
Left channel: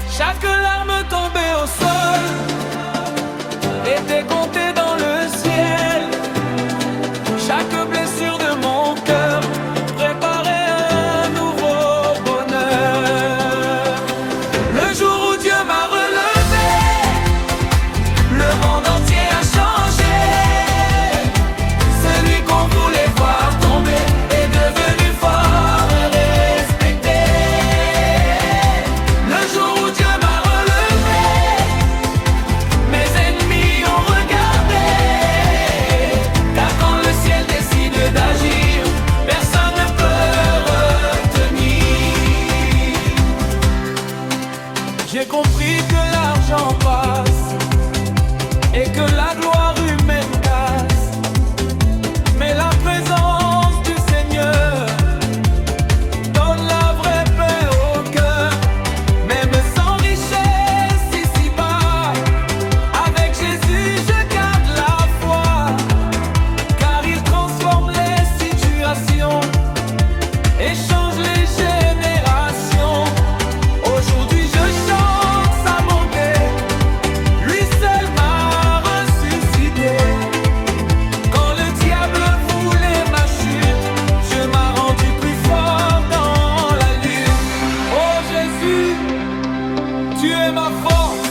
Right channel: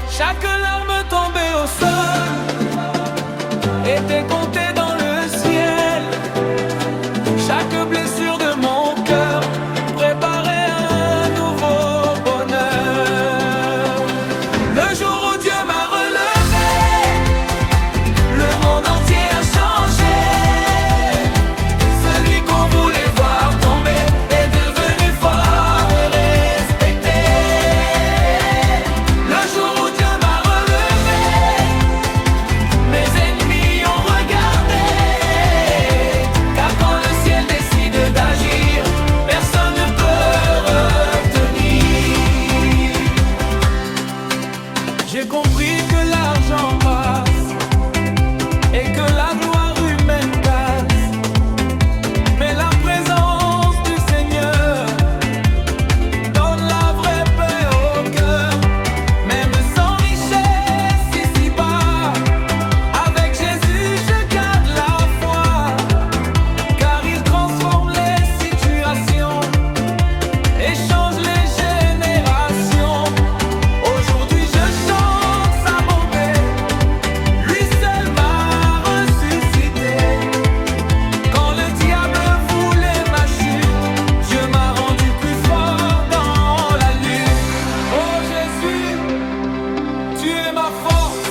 Chaque larme tombée au sol était comptée dans le ciel. Chaque blessure de mon cœur préparait un nouveau bonheur. Le jour où Dieu m'a relevé, le monde entier a changé. Celui qu'on voulait voir tomber est devenu fort et respecté. Le jour où Dieu m'a relevé, mes ennemis ont regardé. Car quand le ciel décide d'agir, personne ne peut retenir. J'ai compris que l'argent passe et que la gloire humaine casse, mais la présence du Seigneur donne la vraie paix au cœur. Même sans richesse ici-bas, avec Jésus je garde la foi, car il transforme les situations et change les générations. Aujourd'hui je chante sa bonté, lui seul m'a ressuscité. Quand le diable voulait ma chute, Dieu m'a rendu plus fort dans la lutte. Oh Jésus, tu es ma force,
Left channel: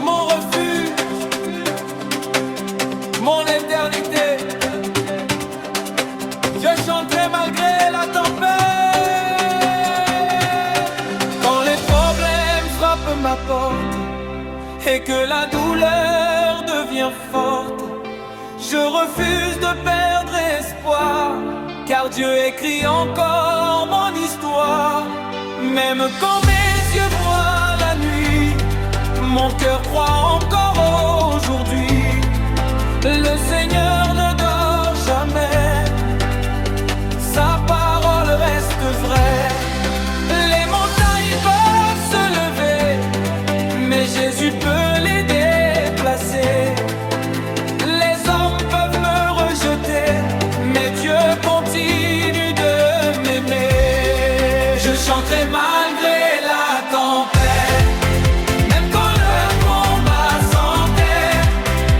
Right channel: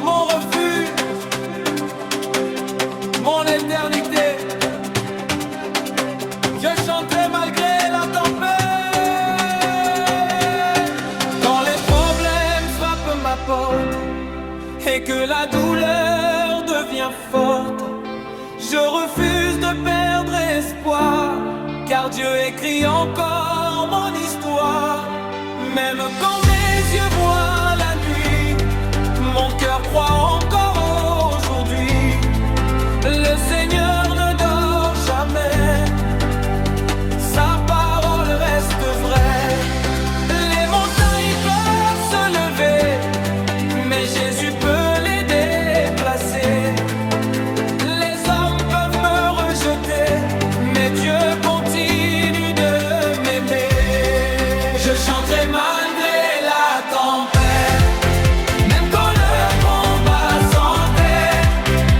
mon refuge, mon éternité. Je chanterai malgré la tempête. Quand les problèmes frappent ma porte et que la douleur devient forte, je refuse de perdre espoir, car Dieu écrit encore mon histoire. Même quand mes yeux voient la nuit, mon cœur croit encore aujourd'hui. Le Seigneur ne dort jamais, sa parole reste vraie. Les montagnes peuvent se lever, Dieu continue de m'aimer. Je chanterai malgré la tempête, même quand le combat s'entête.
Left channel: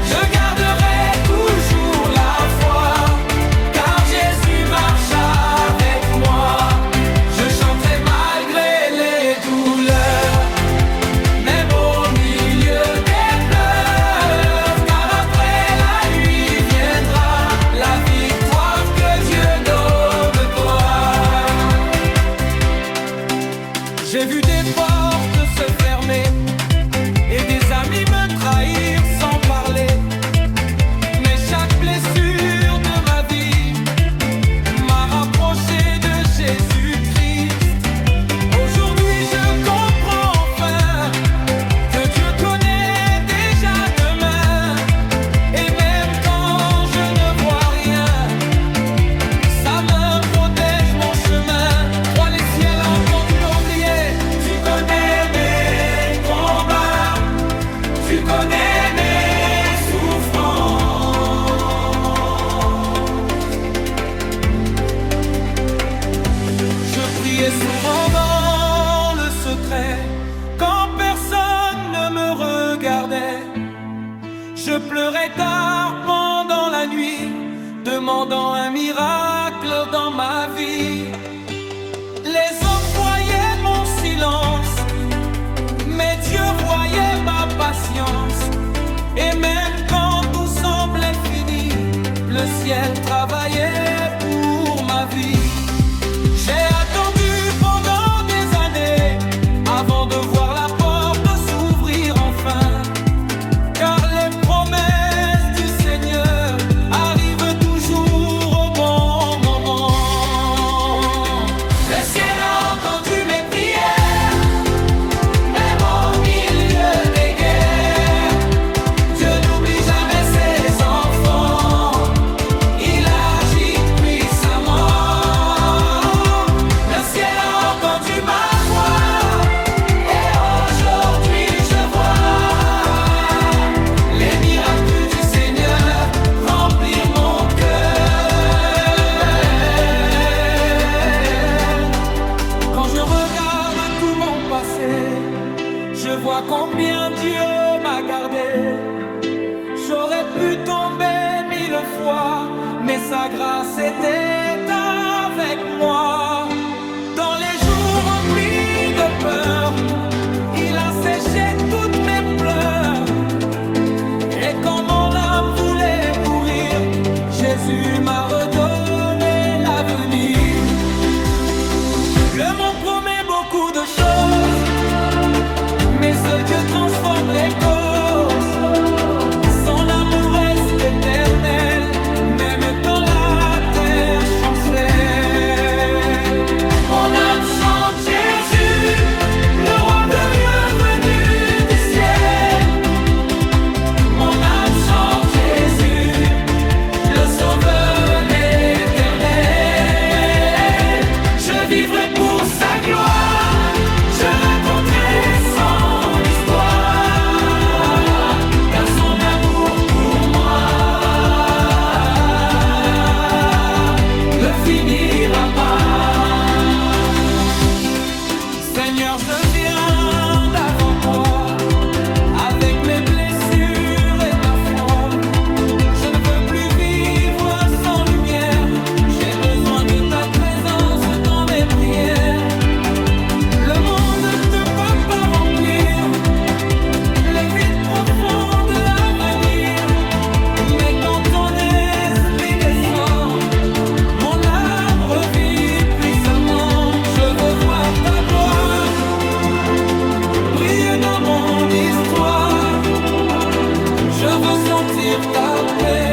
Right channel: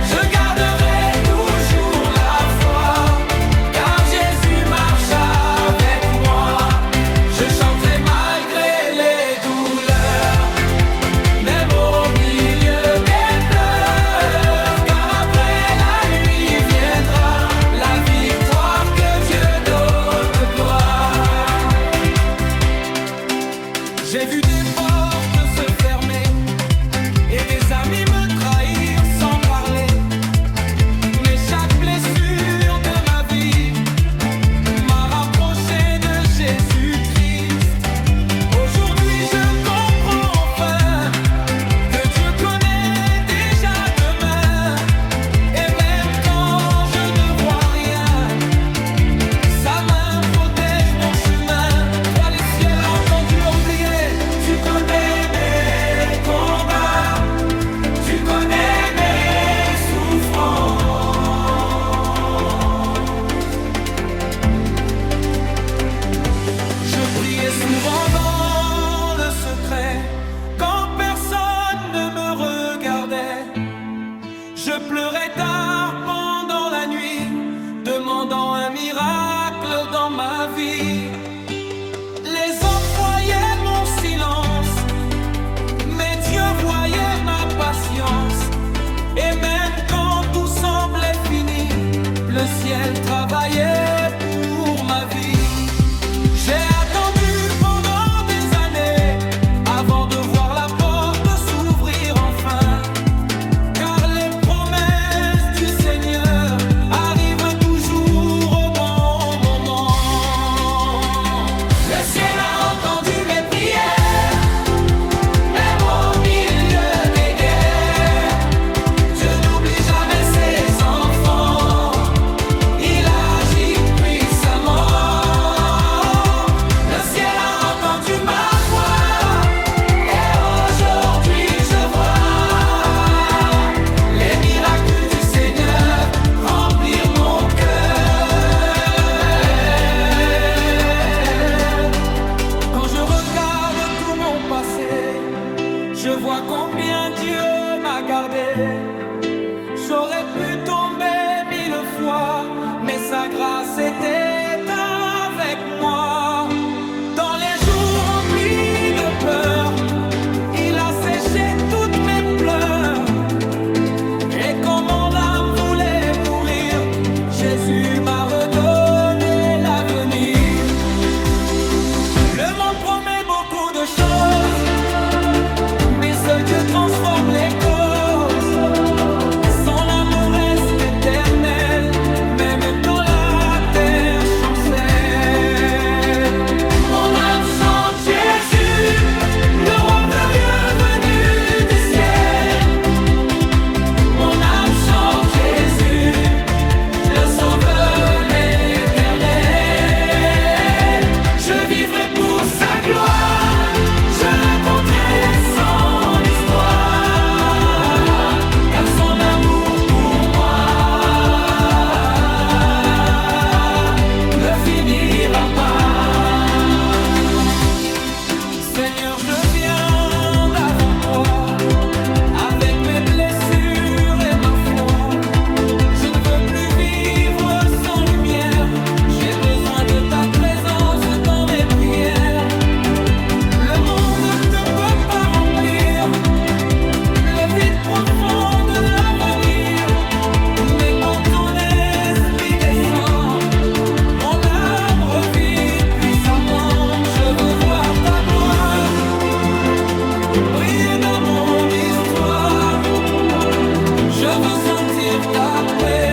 Je garderai toujours la foi, car Jésus marche avec moi. Je chanterai malgré les douleurs, même au milieu des pleurs, car après la nuit viendra la victoire que Dieu donnera. J'ai vu des portes se fermer et des amis me trahir sans parler, mais chaque blessure de ma vie m'a rapproché de Jésus-Christ. Aujourd'hui je comprends enfin que Dieu connaît déjà demain, et même quand je ne vois rien, sa main protège mon chemin. Toi les ciels entends, tu l'as oublié. Tu connais mes combats, tu connais mes souffrances. Je priais souvent dans le secret, quand personne ne me regardait. Je pleurais tard pendant la nuit, demandant un miracle dans ma vie. Les hommes voyaient mon silence, mais Dieu voyait ma patience. Et même quand tout semblait fini, le ciel travaillait pour ma vie. J'ai attendu pendant des années avant de voir la porte s'ouvrir enfin, car les promesses du Seigneur arrivent toujours au bon moment. Le ciel a entendu mes prières, même au milieu des guerres. Dieu n'oublie jamais ses enfants, il agit puissamment. Le ciel a entendu ma voix, et aujourd'hui je vois les miracles du Seigneur remplir mon cœur. Quand je regarde tout mon passé, je vois combien Dieu m'a gardé. J'aurais pu tomber 1000 fois, mais sa grâce était avec moi. Dans les jours remplis de peur, il a séché toutes mes pleurs. Et quand mon âme voulait mourir, Jésus m'a redonné l'avenir. Le monde promet beaucoup de choses, mais seul Dieu transforme les causes. Son amour reste éternel, même quand la terre chancelle. Mon âme chante Jésus, le roi glorieux venu du ciel. Mon âme chante Jésus, le sauveur éternel. Je vivrai pour sa gloire, je raconterai son histoire, car son amour pour moi ne finira pas. Seigneur, je viens devant toi avec mes blessures et ma foi. Je ne veux plus vivre sans lumière, j'ai besoin de ta présence dans mes prières. Le monde ne peut pas remplir le vide profond de l'avenir, mais quand ton esprit descend, mon âme revit puissamment. Je veux voir ta gloire briller dans mon histoire. Je veux sentir ta paix